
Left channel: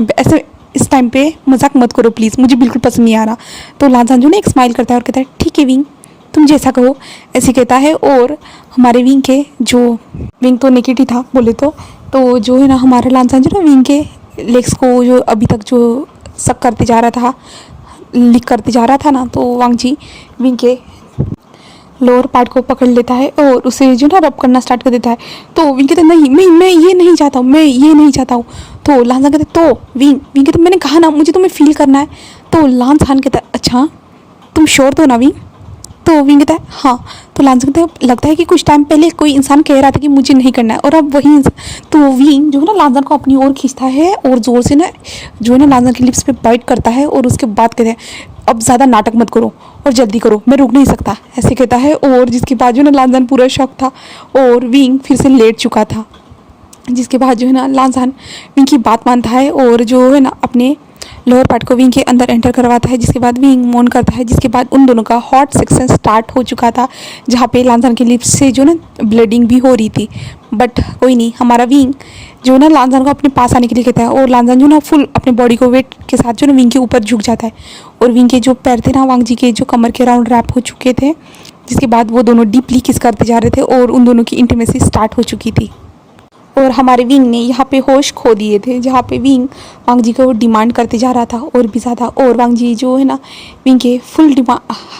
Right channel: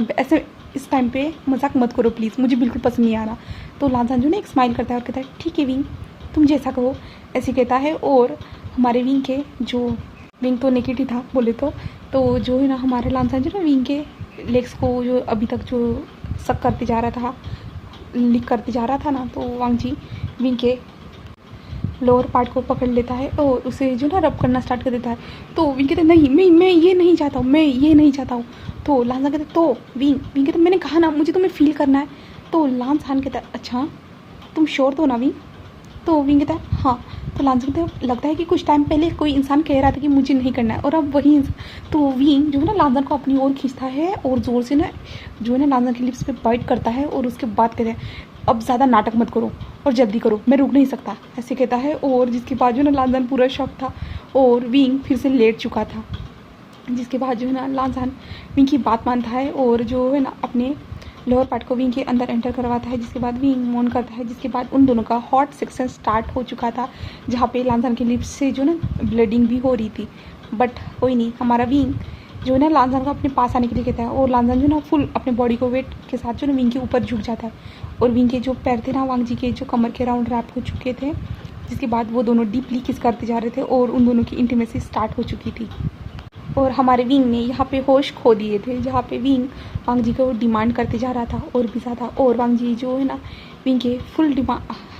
टाइम पे मजाक मत करो प्लीज़, मुझे बिल्कुल पसंद नहीं आ रहा। तो लांसान जो ना एक स्माइल करता है और कहता है ठीक है विंग तुम जैसा कहो, ऐसे कहता है। और हमारे विंग के जो विंग तो नेकेट ही था बोले तो जो है ना हमारा लांसान जो ना विंग के लेग्स को जो अभी तक जो सक करते जा रहा था, लिक करते जा रहा था ना, तो वांग जी विंग के लोअर पार्ट को पकड़ लेता है और उसे जो ना रब करना स्टार्ट कर देता है। तो विंग कहते नहीं मैं ये नहीं चाहता हूँ, मैं ये नहीं चाहता हूँ। तो लांसान कहते तो विंग कहते मैंने कहा ना मुझे तुम्हें फील करना है। तो लांसान कहता है अच्छा तुम श्योर तो ना विंग। तो विंग कहता है हाँ। तो लांसान कहता है लगता है कि कुछ टाइम पहले कोई इंसान कह रहा था कि मुझे नहीं करना है और अब वही इंसान। तो विंग जो है ना लांसान को अपनी ओर खींचता है और ज़ोर से ना जो है ना लांसान की लिप्स पे बाइट करता है और उसके बाद कहते हैं अब ज़्यादा नाटक मत करो और जल्दी करो मैं रुक नहीं सकता, ऐसे कहता है। और जिसके बाद जो है ना लांसान पूरा शॉक था और विंग फिर से लेट चुका था। जिसके बाद जो है ना लांसान विंग की बात मानता है और जो है ना अपने लोअर पार्ट को विंग के अंदर एंटर करवाता है। जिसके बाद विंग मौन करता है। जिसके बाद उन दोनों का हॉट सेक्शन स्टार्ट हो चुका था, जहाँ पे लांसान के लिप्स से जो ना ब्लीडिंग भी हो रही थी। बट कोई नहीं, हमारा विंग जो ना लांसान को अपने पास आने के लिए कहता है और लांसान जो ना फुल अपने बॉडी को वेट के साथ जो ना विंग के ऊपर झुक जाता है और विंग के जो पैर थे ना वांग जी के जो कमर के राउंड रैप हो चुके थे। जिसके बाद वो दोनों डीपली किस करते जा रहे थे और उन दोनों की इंटीमेसी स्टार्ट हो चुकी थी। और हमारे विंग ने यहाँ पे होश खो दिए थे, जहाँ पे विंग वांग जी को डिमांड करते जा रहा था और भी ज़्यादा, और वांग जी जो है ना विंग के फुल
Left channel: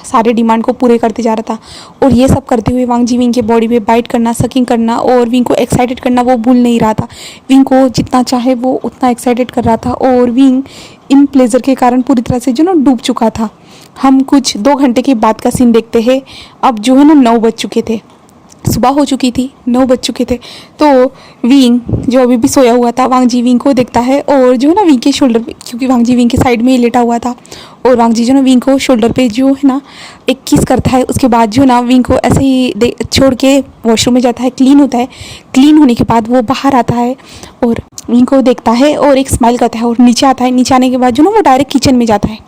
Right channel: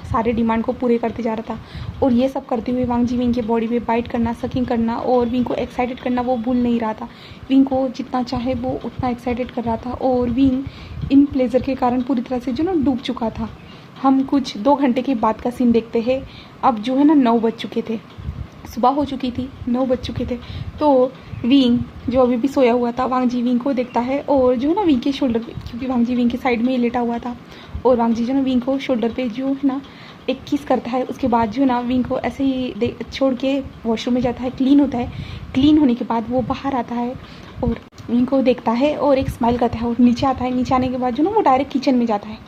सारे डिमांड को पूरे करते जा रहा था। और ये सब करते हुए वांग जी विंग के बॉडी पे बाइट करना, सकिंग करना और विंग को एक्साइटेड करना वो भूल नहीं रहा था। विंग को जितना चाहे वो उतना एक्साइटेड कर रहा था और विंग इन प्लेजर के कारण पूरी तरह से जो ना डूब चुका था। हम कुछ 2 घंटे के बाद का सीन देखते हैं। अब जो है ना 9 बज चुके थे, सुबह हो चुकी थी, 9 बज चुके थे। तो विंग जो अभी भी सोया हुआ था, वांग जी विंग को देखता है और जो है ना विंग के शोल्डर पे, क्योंकि वांग जी विंग के साइड में ही लेटा हुआ था, और वांग जी जो ना विंग को शोल्डर पे जो है ना एक किस करता है। उसके बाद जो ना विंग को ऐसे ही छोड़ के वॉशरूम में जाता है, क्लीन होता है। क्लीन होने के बाद वो बाहर आता है और विंग को देखता है और एक स्माइल करता है और नीचे आता है। नीचे आने के बाद जो ना वो डायरेक्ट किचन में जाता है,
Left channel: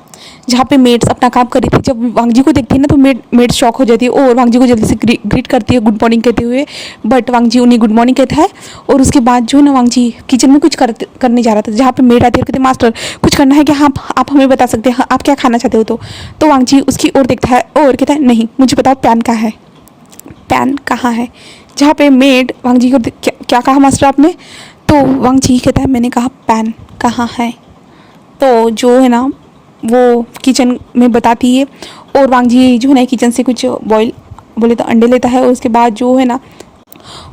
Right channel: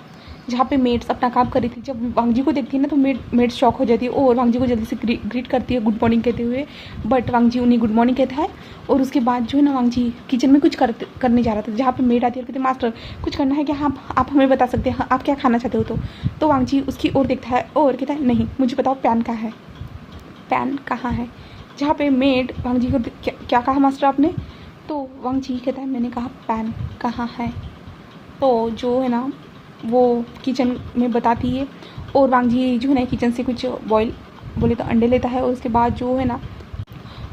जहाँ पे मेड्स अपना काम कर रही थी। जब वांग जी को देखती है ना तो मेड शॉक हो जाती है और वांग जी को जल्दी से ग्रीट करती है गुड मॉर्निंग कहते हुए, बट वांग जी उन्हें गुड मॉर्निंग कहता है। और उसके बाद जो ना वांग जी किचन में कुछ करने जा रहा था, जहाँ पे मेड आती है और कहते मास्टर कुछ करना है कि हाँ आप हमें बता सकते हैं, हाँ, आप क्या खाना चाहते हो। तो वांग जी उसकी ओर देखता है और कहता है नहीं मुझे बताओ पैन कहाँ है, पैन कहाँ है। जहाँ पे मेड वांग जी को क्या कहा मास्टर आपने, तो वांग जी कहता है मैंने कहा पैन कहाँ है। तो जो है ना वो किचन में बताती है और वांग जी जो है ना किचन से कुछ बॉयल बोले तो अंडे लेता है और उसके बाद जो है ना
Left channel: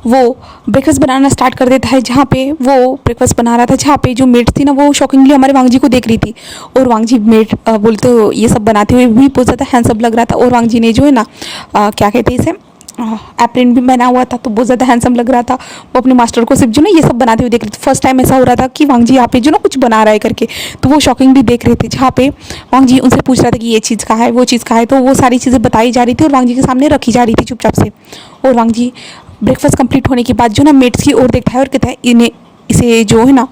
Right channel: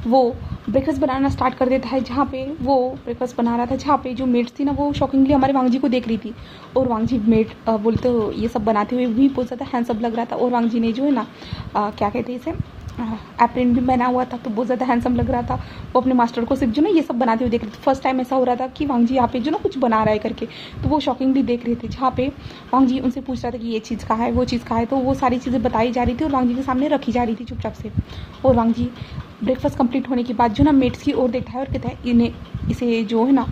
वो ब्रेकफास्ट बनाना स्टार्ट कर देता है। जहाँ पे वो ब्रेकफास्ट बना रहा था, जहाँ पे जो मेड थी ना वो शॉकिंगली हमारे वांग जी को देख रही थी और वांग जी मेड बोलते तो ये सब बनाते हुए भी बहुत ज़्यादा हैंडसम लग रहा था। और वांग जी ने जो है ना क्या कहते हैं इसे एप्रिन भी बना हुआ था, तो बहुत ज़्यादा हैंडसम लग रहा था। वो अपने मास्टर को सिर्फ जो ना ये सब बनाते हुए देख रहे थे। फर्स्ट टाइम ऐसा हो रहा था कि वांग जी यहाँ पे जो ना कुछ बना रहा है करके, तो वो शॉकिंगली देख रहे थे। जहाँ पे वांग जी उनसे पूछ रहा था कि ये चीज़ कहाँ है, वो चीज़ कहाँ है, तो वो सारी चीज़ें बताई जा रही थी और वांग जी के सामने रखी जा रही थी चुपचाप से। और वांग जी ब्रेकफास्ट कंप्लीट होने के बाद जो ना मेट्स की ओर देखता है और कहता है इन्हें इसे जो है ना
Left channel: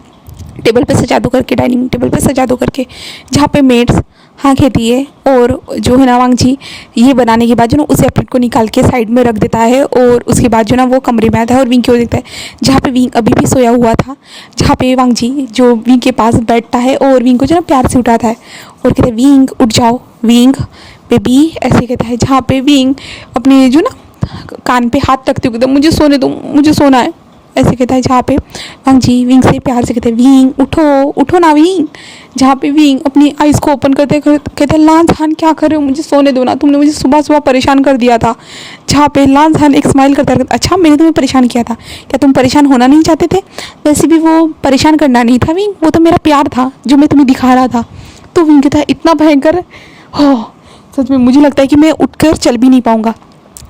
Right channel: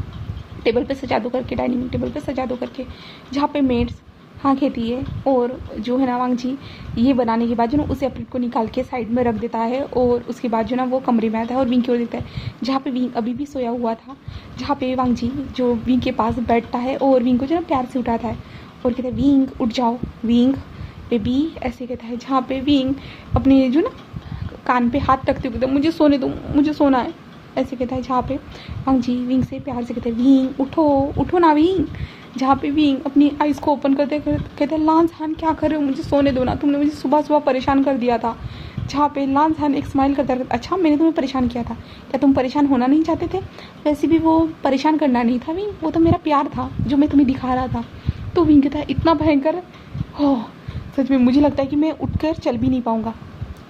टेबल पे सजा दो करके, डाइनिंग टेबल पे सजा दो करके। जहाँ पे मेड्स हाँ कहती है और जो है ना वांग जी ये बनाने के बाद जो ना उस एप्रिन को निकाल के साइड में रख देता है और उसके बाद जो ना वो कमरे में आता है और विंग की ओर देखता है, जहाँ पे विंग अभी भी सोया हुआ था। जहाँ पे वांग जी जो विंग के पास बैठता है और विंग को जो ना प्यार से उठाता है और कहता है विंग उठ जाओ, विंग बेबी ऐसे कहता है। जहाँ पे विंग अपने जो ना कान पे हाथ रखते हुए कहता है मुझे सोने दो, मुझे सोना है ऐसे कहता है। जहाँ पे वांग जी विंग से प्यार से कहते हैं विंग उठो उठो ना विंग। जहाँ पे विंग अपनी आइज़ को ओपन करते कहते हैं लान झान क्या कर रहे हो, मुझे सोने दो ना, तुमने मुझे सुबह सुबह परेशान कर दिया था। जहाँ पे लान झान एक स्माइल करता है, अच्छा मैंने तुम्हें परेशान किया था, क्या तुम परेशान होना नहीं चाहते थे। वैसे भी वो परेशान करना नहीं था विंग, वो तो मेरा प्यार था जो मैं तुम्हें दिखा रहा था। तो विंग कहता है इतना भयंकर हो सच में, मुझे लगता है कि मैं उठकर चल भी नहीं पाऊँगा।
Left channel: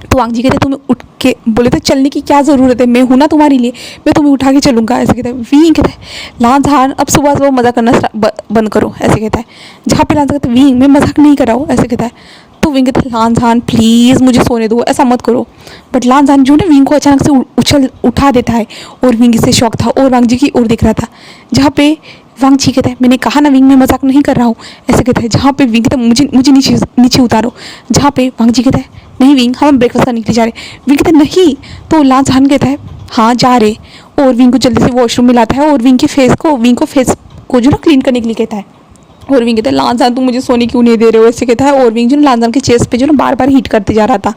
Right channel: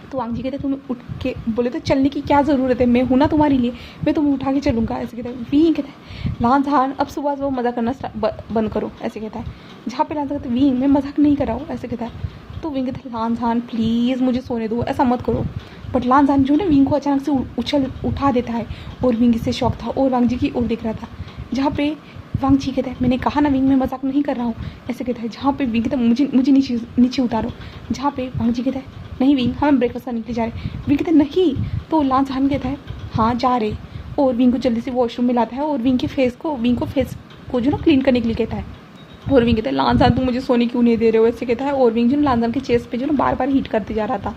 तो वांग जी कहते तुम्हें उठ के बोले तो चलने की क्या ज़रूरत है, मैं हूँ ना तुम्हारे लिए, मैं तुम्हें उठा के चलूँगा ऐसे कहता है। विंग कहता है लान झान अब सुबह सुबह मज़ाक करना बंद करो ऐसे कहता है। जहाँ पे लान कहता है विंग मैं मजाक नहीं कर रहा हूँ ऐसे कहता है। तो विंग कहता है लान झान प्लीज़ मुझे सोने दो, ऐसा मत करो। बट लान झान जो ना विंग को अचानक से उठा देता है और विंग इससे शौक था और वांग जी की ओर देख रहा था। जहाँ पे वांग जी कहता है मैंने कहा ना विंग मैं मजाक नहीं कर रहा हूँ ऐसे कहता है। जहाँ पे विंग कहता है मुझे नीचे उतारो। जहाँ पे वांग जी कहता है नहीं विंग हम ब्रेकफास्ट करने के लिए जा रहे। विंग कहता है नहीं, तो लान झान कहता है हाँ जा रहे और विंग को जल्दी से वॉशरूम में लाता है और विंग के फेस को जो ना क्लीन करने के लिए कहता है। और विंग कहता है लान झान तुम मुझे सोने क्यों नहीं दे रहे हो ऐसे कहता है। और विंग जो ना लान झान के चेस्ट पे जो ना बार बार हीट करते जा रहा था।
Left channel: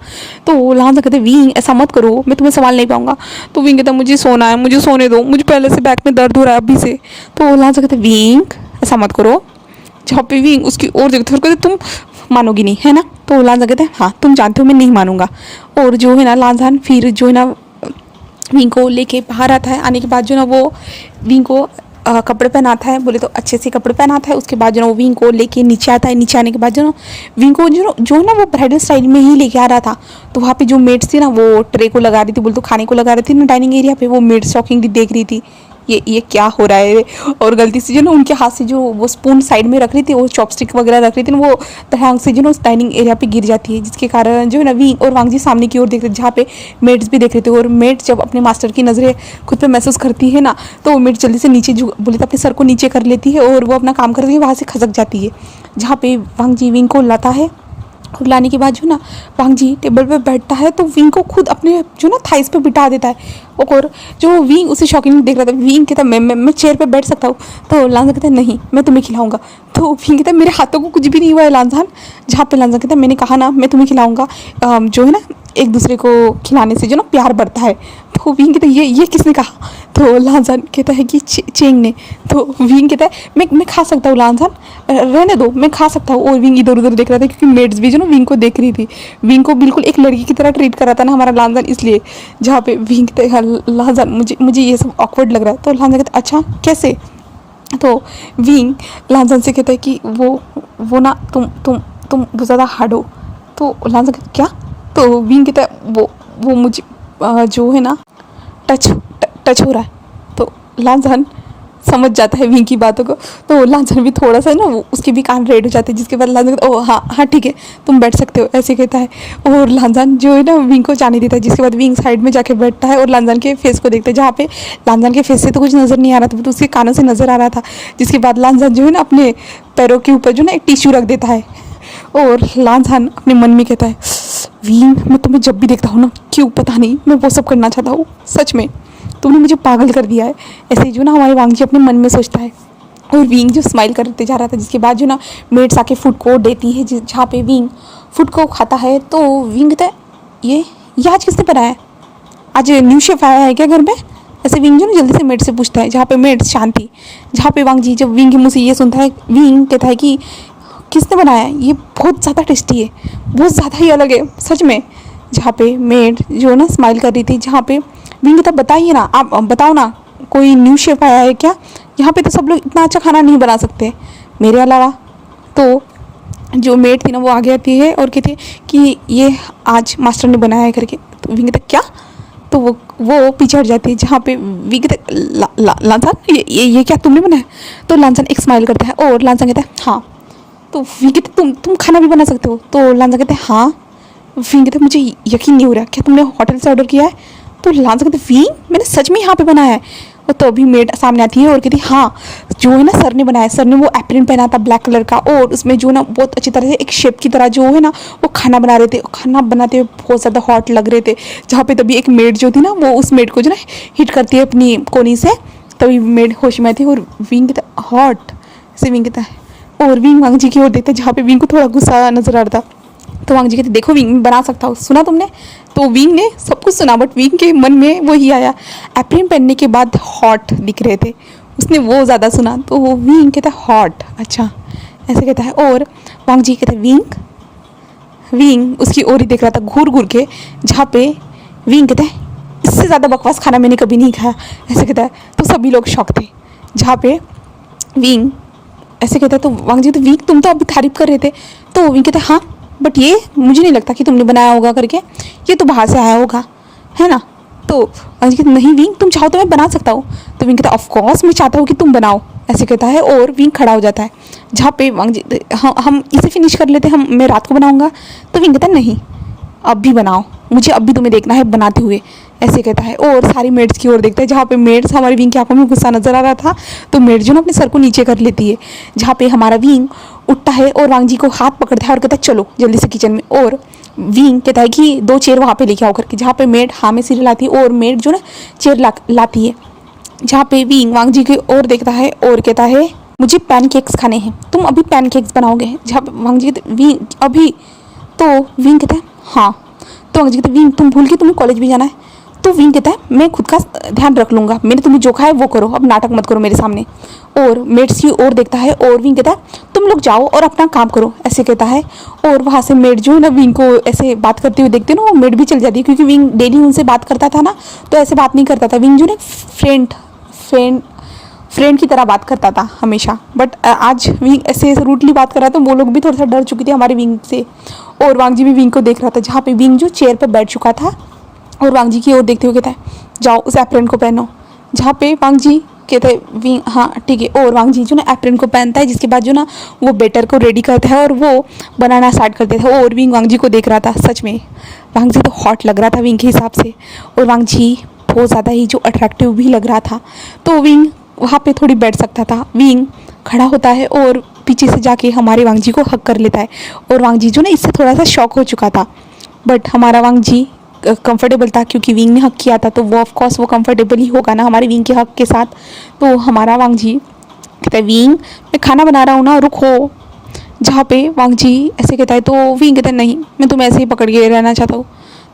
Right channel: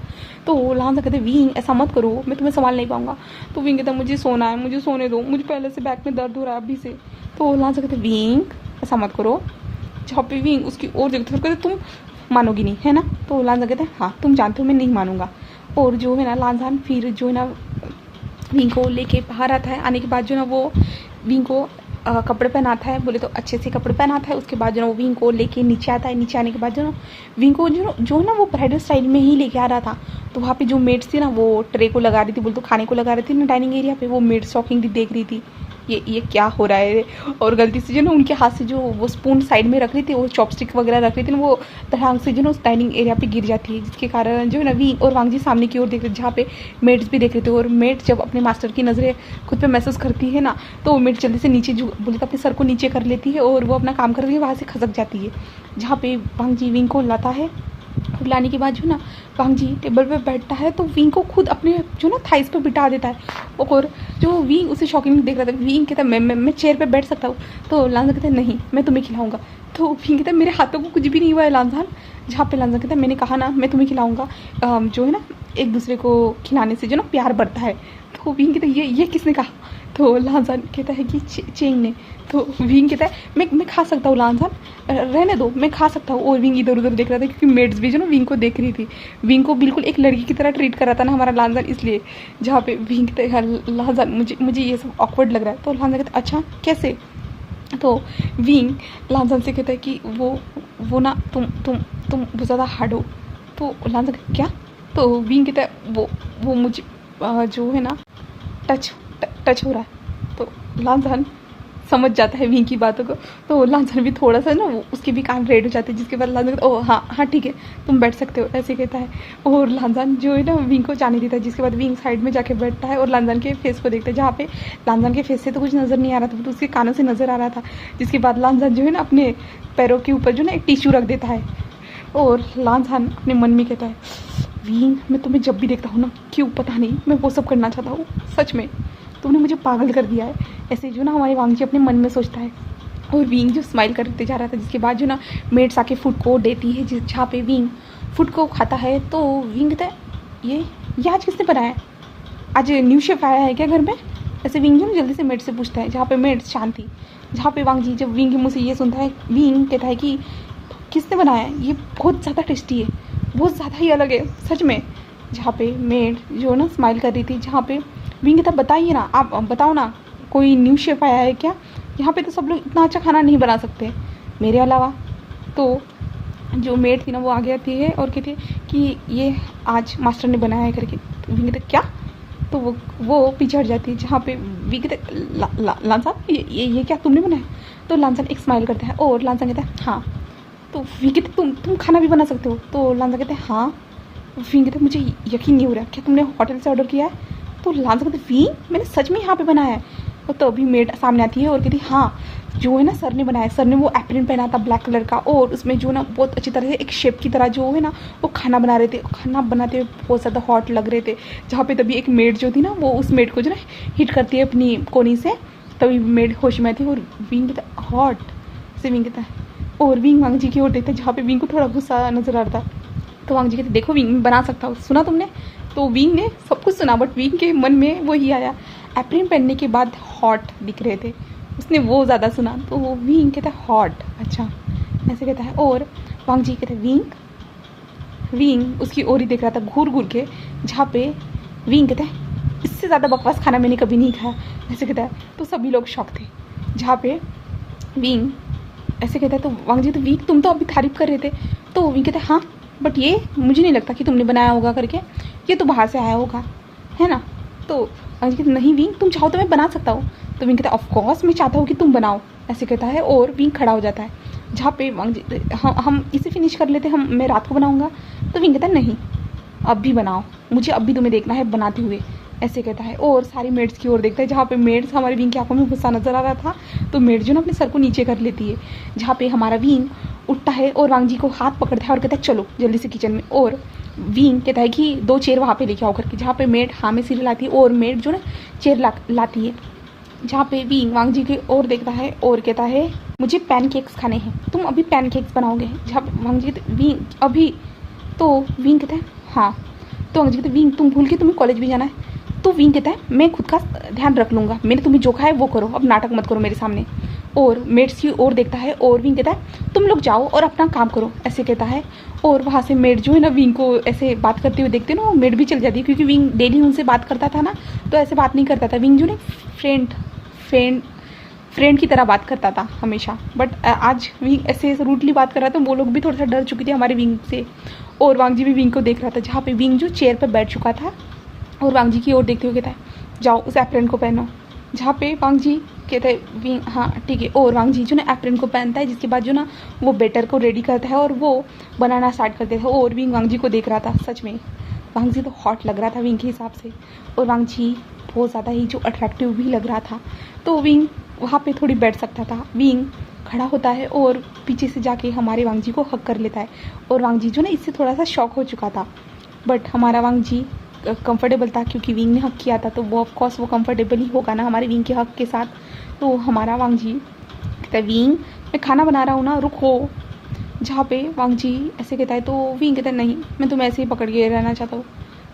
तो लान झान कहते हैं विंग ऐसा मत करो, मैं तुम्हें संभाल नहीं पाऊंगा। तो विंग कहता है मुझे सोना है, मुझे सोने दो, मुझे पहले से बैक में दर्द हो रहा है अभी से। तो लान झान कहते हैं विंग ऐसा मत करो। जहाँ पे विंग उसकी ओर देखते हैं कहते तुम मानोगी नहीं है ना। तो लान झान कहते हैं हाँ तुम जानते हो मैं नहीं मानूंगा। और जो है ना लान झान फिर जो है ना विंग को लेके बाहर आता है। आने के बाद जो ना वो विंग को कपड़े पहनाता है, बोले तो अच्छे से कपड़े पहनाता है। उसके बाद जो ना वो विंग को लेके नीचे आता है। नीचे आने के बाद जो ना विंग को जो ना वो ब्राइडल स्टाइल में ही लेके आ रहा था। तो वहाँ पे जो मेड्स थी ना वो ट्रे को लगा रही थी, बोले तो खाने को लगा रही थी ना डाइनिंग एरिया पे। वो मेड्स शॉकिंगली देख रही थी ये क्या हो रहा है। और गलती से जो ना उनके हाथ से जो वो स्पून साइड में रख रही थी, वो चॉपस्टिक वगैरह रख रही थी ना, वो धड़ाम से जो ना उस डाइनिंग एरिया पे गिर जाती है, जिसके कारण जो है ना विंग और वांग जी सामने की ओर देख रहे थे, जहाँ पे मेड्स भी देख रहे थे। और मेड्स जब अपने मास्टर की नज़रें खुद पे महसूस करती है ना, तो वो मेड जल्दी से नीचे बोले तो अपने सर को नीचे कर लेती है और वो अपना काम करती है, वहाँ से खसक जाती है। जहाँ पे वांग जी विंग को लाता है और लाने के बाद जो ना वांग जी टेबल पे बैठता है, तो विंग को खुद अपने जो ना थाइस पे बिठा देता है। और जो विंग उसे शॉकिंग देख रहा था, विंग कहता है मैं चेयर पे बैठ सकता हूँ। तो लांझा कहता है नहीं मैं तुम्हें खिलाऊंगा। तो विंग कहता है मेरे हाथों को कुछ भी नहीं हुआ है लांझान। जहाँ पे लांझा कहता है मैंने कहा ना मैं तुम्हें खिलाऊंगा। जो है ना एक दूसरे को खिलाने से जो ना प्यार बढ़ता है। तो विंग कहता है ये किसने कहा? तो लांजान कहता है कि चेंग ने। तो विंग कहता है मैं खा सकता हूँ लांजान, रहने दो, मैं खा सकता हूँ। और विंग इधर उधर देख रहा था क्योंकि मेड्स भी जो ना विंग को देख रही थी। विंग को बिल्कुल एक लड़की की तरह ट्रीट कर रहा था ना हमारा लांजान, इसलिए। जहाँ पे विंग कहता है लांजान मुझे ये सब ऑकवर्ड लग रहा है। तो लांजान कहता है अच्छा कैसे? तो विंग लांजान से कहता है कि वो ना तुम बहुत ज़्यादा हार्ड हो। तो लांजान कहता क्या? तो विंग कहता है वो मुझे जो है ना टच हो रहा है। तो लांजान समझ जाता है विंग की बातों को। तो लांजान भी थोड़ा सा ना उसके भी कान रेड हो जाते हैं, जिसके बाद लांजान कहता ओह हाँ ठीक है तुम बैठ सकते हो, ऐसे कहता है। और लांजान जो है ना विंग को जाने देता है, जिसके बाद विंग साइड में जाके बैठता है और लांजान के फेस को देखता है, जहाँ पे लांजान के फेस से तो कुछ नज़र नहीं आ रहा था, तो उसके कानों से नज़र आ रहा था। जिसके बाद लांजान जो है ना अपने पैरों के ऊपर जो ना एक टिश्यू रख देता है। और लांजान अपने मन में कहता है विंग मैं तुम्हें जब भी देखता हूँ ना, क्यों पता नहीं मैं वो सब करना चाहता हूँ, सच में तुमने मुझे पागल कर दिया है। ऐसे जो ना हमारे वांग जी अपने मन में सोचता है। और विंग जो स्माइल करते जा रहा था, जिसके बाद जो ना मेड्स आके फूड को देती है, जहाँ पे विंग फूड को खाता है। तो विंग कहता है ये आज किसने बनाया? आज न्यू शेफ आया है क्या घर में? ऐसे विंग जो ना जल्दी से मेड से पूछता है, जहाँ पे मेड शांति। जहाँ पे वांग जी जब विंग के मुँह से ये सुनता है, विंग कहता है कि किसने बनाया है? ये बहुत ज़्यादा टेस्टी है, बहुत ज़्यादा ही अलग है सच में। जहाँ पे मेड जो ना स्माइल कर रही थी, जहाँ पे विंग कहता बताइए ना, आप बताओ ना कोई न्यू शेफ आया है क्या? यहाँ पे तो सब लोग इतना अच्छा खाना नहीं बना सकते मेरे अलावा। तो जो मेड थी ना वो आगे आती है और कहती है कि ये आज मास्टर ने बनाया है करके। तो विंग कहता क्या? तो वो पीछे हट जाती है, जहाँ पे विंग कहता लांजान ये क्या तुमने बनाया? तो लांजान एक स्माइल करता है और लांजान कहता है हाँ। तो विंग कहते तुम खाना भी बना सकते हो? तो लांजान कहते हैं हाँ। विंग कहते मुझे यकीन नहीं हो रहा, क्या तुमने होटल से ऑर्डर किया है? तो लांजान कहते विंग मैंने सच में यहाँ पे बनाया है। और तो अभी मेड सामने आती है और कहती हाँ जो है ना सर ने बनाया। सर ने वो एप्रिन पहना था ब्लैक कलर का, और उसमें जो ना बहुत अच्छी तरह से एक शेप की तरह जो है ना वो खाना बना रहे थे। खाना बनाते हुए बहुत ज़्यादा हॉट लग रहे थे। जहाँ पे तभी एक मेड जो थी ना वो उस मेड को जो ना हिट करती है अपनी कोनी से, तभी मेड होश में आती है। और विंग कहता हॉट से विंग कहता है, और विंग वांग जी की ओर देखते हैं, जहाँ पे विंग को थोड़ा गुस्सा नजर आ रहा था। तो वांग जी कहते देखो विंग मैं बना सकता हूँ, सुना तुमने? तो विंग ने सब कुछ सुना, बट विंग के मन में वही आया एप्रिन पहनने के बाद हॉट दिख रहे थे, उसने वो ज़्यादा सुना। तो वो विंग कहता है हॉट अच्छा ऐसे कहता है। और वांग जी कहते विंग उसकी ओर ही देख रहा था घूर घूर के, जहाँ पे विंग कहता है इससे ज़्यादा बकवास खाना मैंने कभी नहीं खाया ऐसे कहता है। तो सभी लोग शौक थे, जहाँ पे विंग ऐसे कहता है। तो वांग जी तो विंग तुम तो अभी तारीफ कर रहे थे। तो विंग कहता है हाँ बट ये मुझे नहीं लगता कि तुमने बनाया होगा करके, ये तो बाहर से आया होगा है ना। तो वांग जी कहते नहीं विंग तुम चाहो तो मैं बना सकता हूँ। तो विंग कहता ऑफ कोर्स मैं चाहता हूँ कि तुम बनाओ ऐसे कहता है। और विंग खड़ा हो जाता है, जहाँ पे वांग जी हम इसे फिनिश कर लेते हैं, मैं रात को बनाऊँगा। तो विंग कहता नहीं अब भी बनाओ, मुझे अब भी तुम्हें देखना है बनाते हुए ऐसे कहता है। और सारी मेड्स की ओर देखता है, जहाँ पे मेड्स हमारे विंग की आंखों में गुस्सा नजर आ रहा था। तो मेड जो ना अपने सर को नीचे कर लेती है, जहाँ पे हमारा विंग उठता है और वांग जी को हाथ पकड़ता है और कहता है चलो जल्दी से किचन में। और विंग कहता है कि 2 चेयर वहाँ पे लेके आओ करके, जहाँ पे मेड हाँ में सिर लाती है और मेड जो ना चेयर लाती है। जहाँ पे विंग वांग जी की ओर देखता है और कहता है मुझे पैनकेक्स खाने हैं, तुम अभी पैनकेक्स बनाओगे? जहाँ पे वांग जी कहते विंग अभी? तो विंग कहता है हाँ। तो वांग जी कहते विंग तुम भूल के तुम्हें कॉलेज भी जाना है? तो विंग कहता है मैं खुद का ध्यान रख लूँगा, मैंने तुम्हें जो कहा है वो करो, अब नाटक मत करो मेरे सामने। और मेड्स की ओर देखता है और विंग कहता है तुम लोग जाओ और अपना काम करो ऐसे कहता है। और वहाँ से मेड जो है ना विंग को ऐसे बात करते हुए देखते ना, वो मेड भी चल जाती है, क्योंकि विंग डेली उनसे बात करता था ना, तो ऐसे बात नहीं करता था। विंग जो ना फ्रेंड की तरह बात करता था हमेशा, बट आज विंग ऐसे रूटली बात कर रहा था। वो लोग भी थोड़ा सा डर चुके थे हमारे विंग से। और वांग जी भी विंग को देख रहा था, जहाँ पे विंग जो चेयर पर बैठ चुका था और वांग जी की ओर देखते हुए कहता है जाओ उस एप्रन को पहनो। जहाँ पे वांग जी कहते हैं विंग हाँ ठीक है। और वांग जी जो ना एप्रन को पहनता है, जिसके बाद जो ना वो बेटर को रेडी करता है और वो बनाना स्टार्ट कर देता है। और विंग वांग जी को देख रहा था, सच में वांग जी तो हॉट लग रहा था विंग के हिसाब से, और वांग जी बहुत ज़्यादा ही जो अट्रैक्टिव भी लग रहा था। तो विंग वहाँ पे थोड़ी बैठ सकता था। विंग खड़ा होता है और पीछे से जाके हमारे वांग जी को हक कर लेता है। और वांग जी जो ना इससे थोड़ा सा शॉक हो चुका था, बट हमारा वांग जी कंफर्टेबल था, क्योंकि विंग ने हक किया था, तो वो ऑफ कोर्स वो कंफर्टेबल ही होगा ना हमारे विंग के हक के साथ। तो हमारा वांग जी कहता है विंग मैं खाना बना रहा हूँ ना, रुको। जहाँ पे वांग जी ऐसे कहता है तो विंग कहता है नहीं मैं तुम्हें ऐसे ही पकड़ के रहना चाहता हूँ।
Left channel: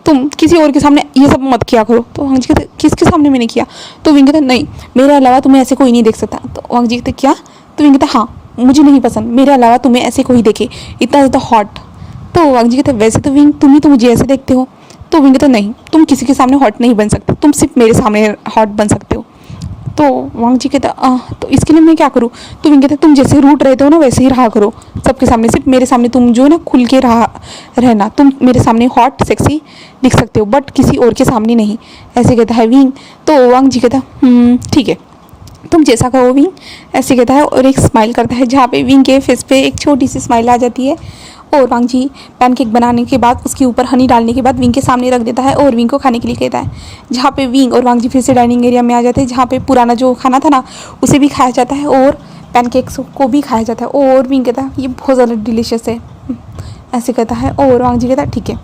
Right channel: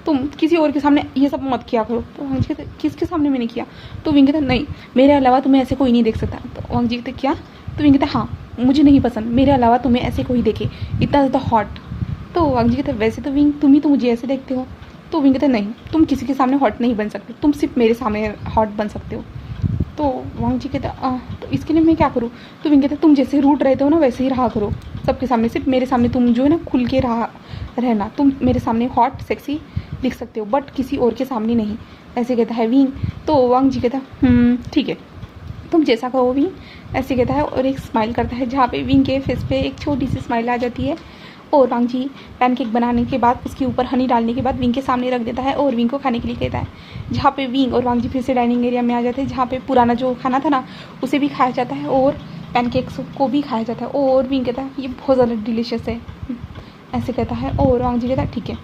तुम किसी और के सामने ये सब मत किया करो। तो वांग जी कहते किसके सामने मैंने किया? तो विंग कहता नहीं, मेरे अलावा तुम्हें ऐसे कोई नहीं देख सकता। तो वांग जी कहते क्या? तो विंग कहता हाँ, मुझे नहीं पसंद मेरे अलावा तुम्हें ऐसे कोई देखे, इतना ज़्यादा हॉट। तो वांग जी कहते वैसे तो विंग तुम ही तो मुझे ऐसे देखते हो। तो विंग कहता नहीं, तुम किसी के सामने हॉट नहीं बन सकते, तुम सिर्फ मेरे सामने हॉट बन सकते हो। तो वांग जी कहता तो इसके लिए मैं क्या करूँ? तो विंग कहता तुम जैसे रूट रहते हो ना वैसे ही रहा करो सबके सामने, सिर्फ मेरे सामने तुम जो है ना खुल के रहना, तुम मेरे सामने हॉट सेक्सी दिख सकते हो बट किसी और के सामने नहीं, ऐसे कहता है विंग। तो वांग जी कहता ठीक है, तुम जैसा कहो विंग, ऐसे कहता है और एक स्माइल करता है जहाँ पे विंग के फेस पे एक छोटी सी स्माइल आ जाती है। और वांग जी पैनकेक बनाने के बाद उसके ऊपर हनी डालने के बाद विंग के सामने रख देता है और विंग को खाने के लिए कहता है, जहाँ पे विंग और वांग जी फिर से डाइनिंग एरिया में आ जाते हैं जहाँ पे पुराना जो खाना था ना उसे भी खाया जाता है और पैनकेक्स को भी खाया जाता है। और विंग कहता है ये बहुत ज़्यादा डिलीशियस है, ऐसे कहता है। और वांग जी कहता है ठीक है,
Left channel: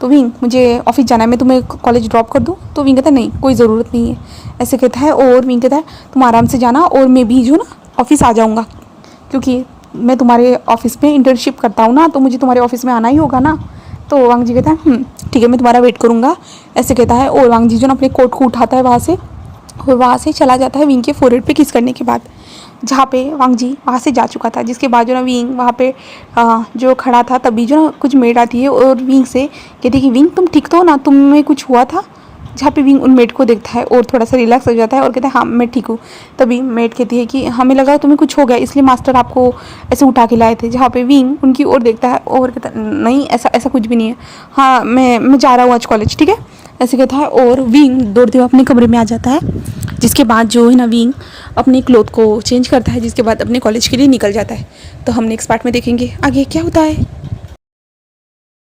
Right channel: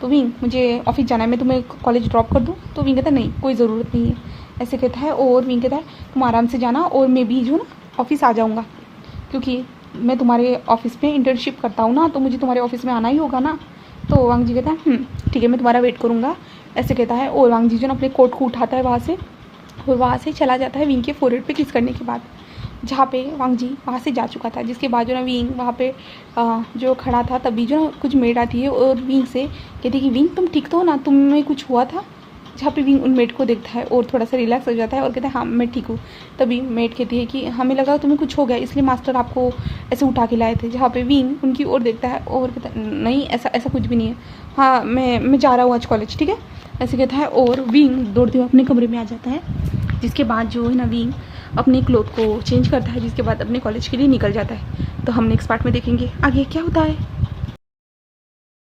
तो विंग मुझे ऑफिस जाना है, मैं तुम्हें कॉलेज ड्रॉप कर दूँ? तो विंग कहता है नहीं, कोई ज़रूरत नहीं है, ऐसे कहता है। और विंग कहता है तुम आराम से जाना और मैं भी जो ना ऑफिस आ जाऊँगा, क्योंकि मैं तुम्हारे ऑफिस में इंटर्नशिप करता हूँ ना, तो मुझे तुम्हारे ऑफिस में आना ही होगा ना। तो वांग जी कहता है ठीक है, मैं तुम्हारा वेट करूँगा, ऐसे कहता है। और वांग जी जो ना अपने कोट को उठाता है वहाँ से और वहाँ से चला जाता है विंग के फोरहेड पे किस करने के बाद, जहाँ पे वांग जी वहाँ से जा चुका था। जिसके बाद जो ना विंग वहाँ पे जो खड़ा था तभी जो ना कुछ मेड आती है और विंग से कहती है कि विंग तुम ठीक तो हो ना, तुम्हें कुछ हुआ था? जहाँ पे विंग उन मेड को देखता है और थोड़ा सा रिलैक्स हो जाता है और कहता है हाँ मैं ठीक हूँ। तभी मेड कहती है कि हमें लगा तुम्हें कुछ हो गया इसलिए मास्टर आपको ऐसे उठा के लाए थे। जहाँ पे विंग उनकी ओर देखता है और कहता है नहीं ऐसा ऐसा कुछ भी नहीं है, हाँ मैं जा रहा हूँ आज कॉलेज, ठीक है, ऐसे कहता है। और विंग दौड़ते हुए अपने कमरे में आ जाता है। जिसके बाद जो है ना विंग अपने क्लोथ को चेंज करता है, जिसके बाद अपने कॉलेज के लिए निकल जाता है। तो हम नेक्स्ट पार्ट में देखेंगे आगे क्या होता है।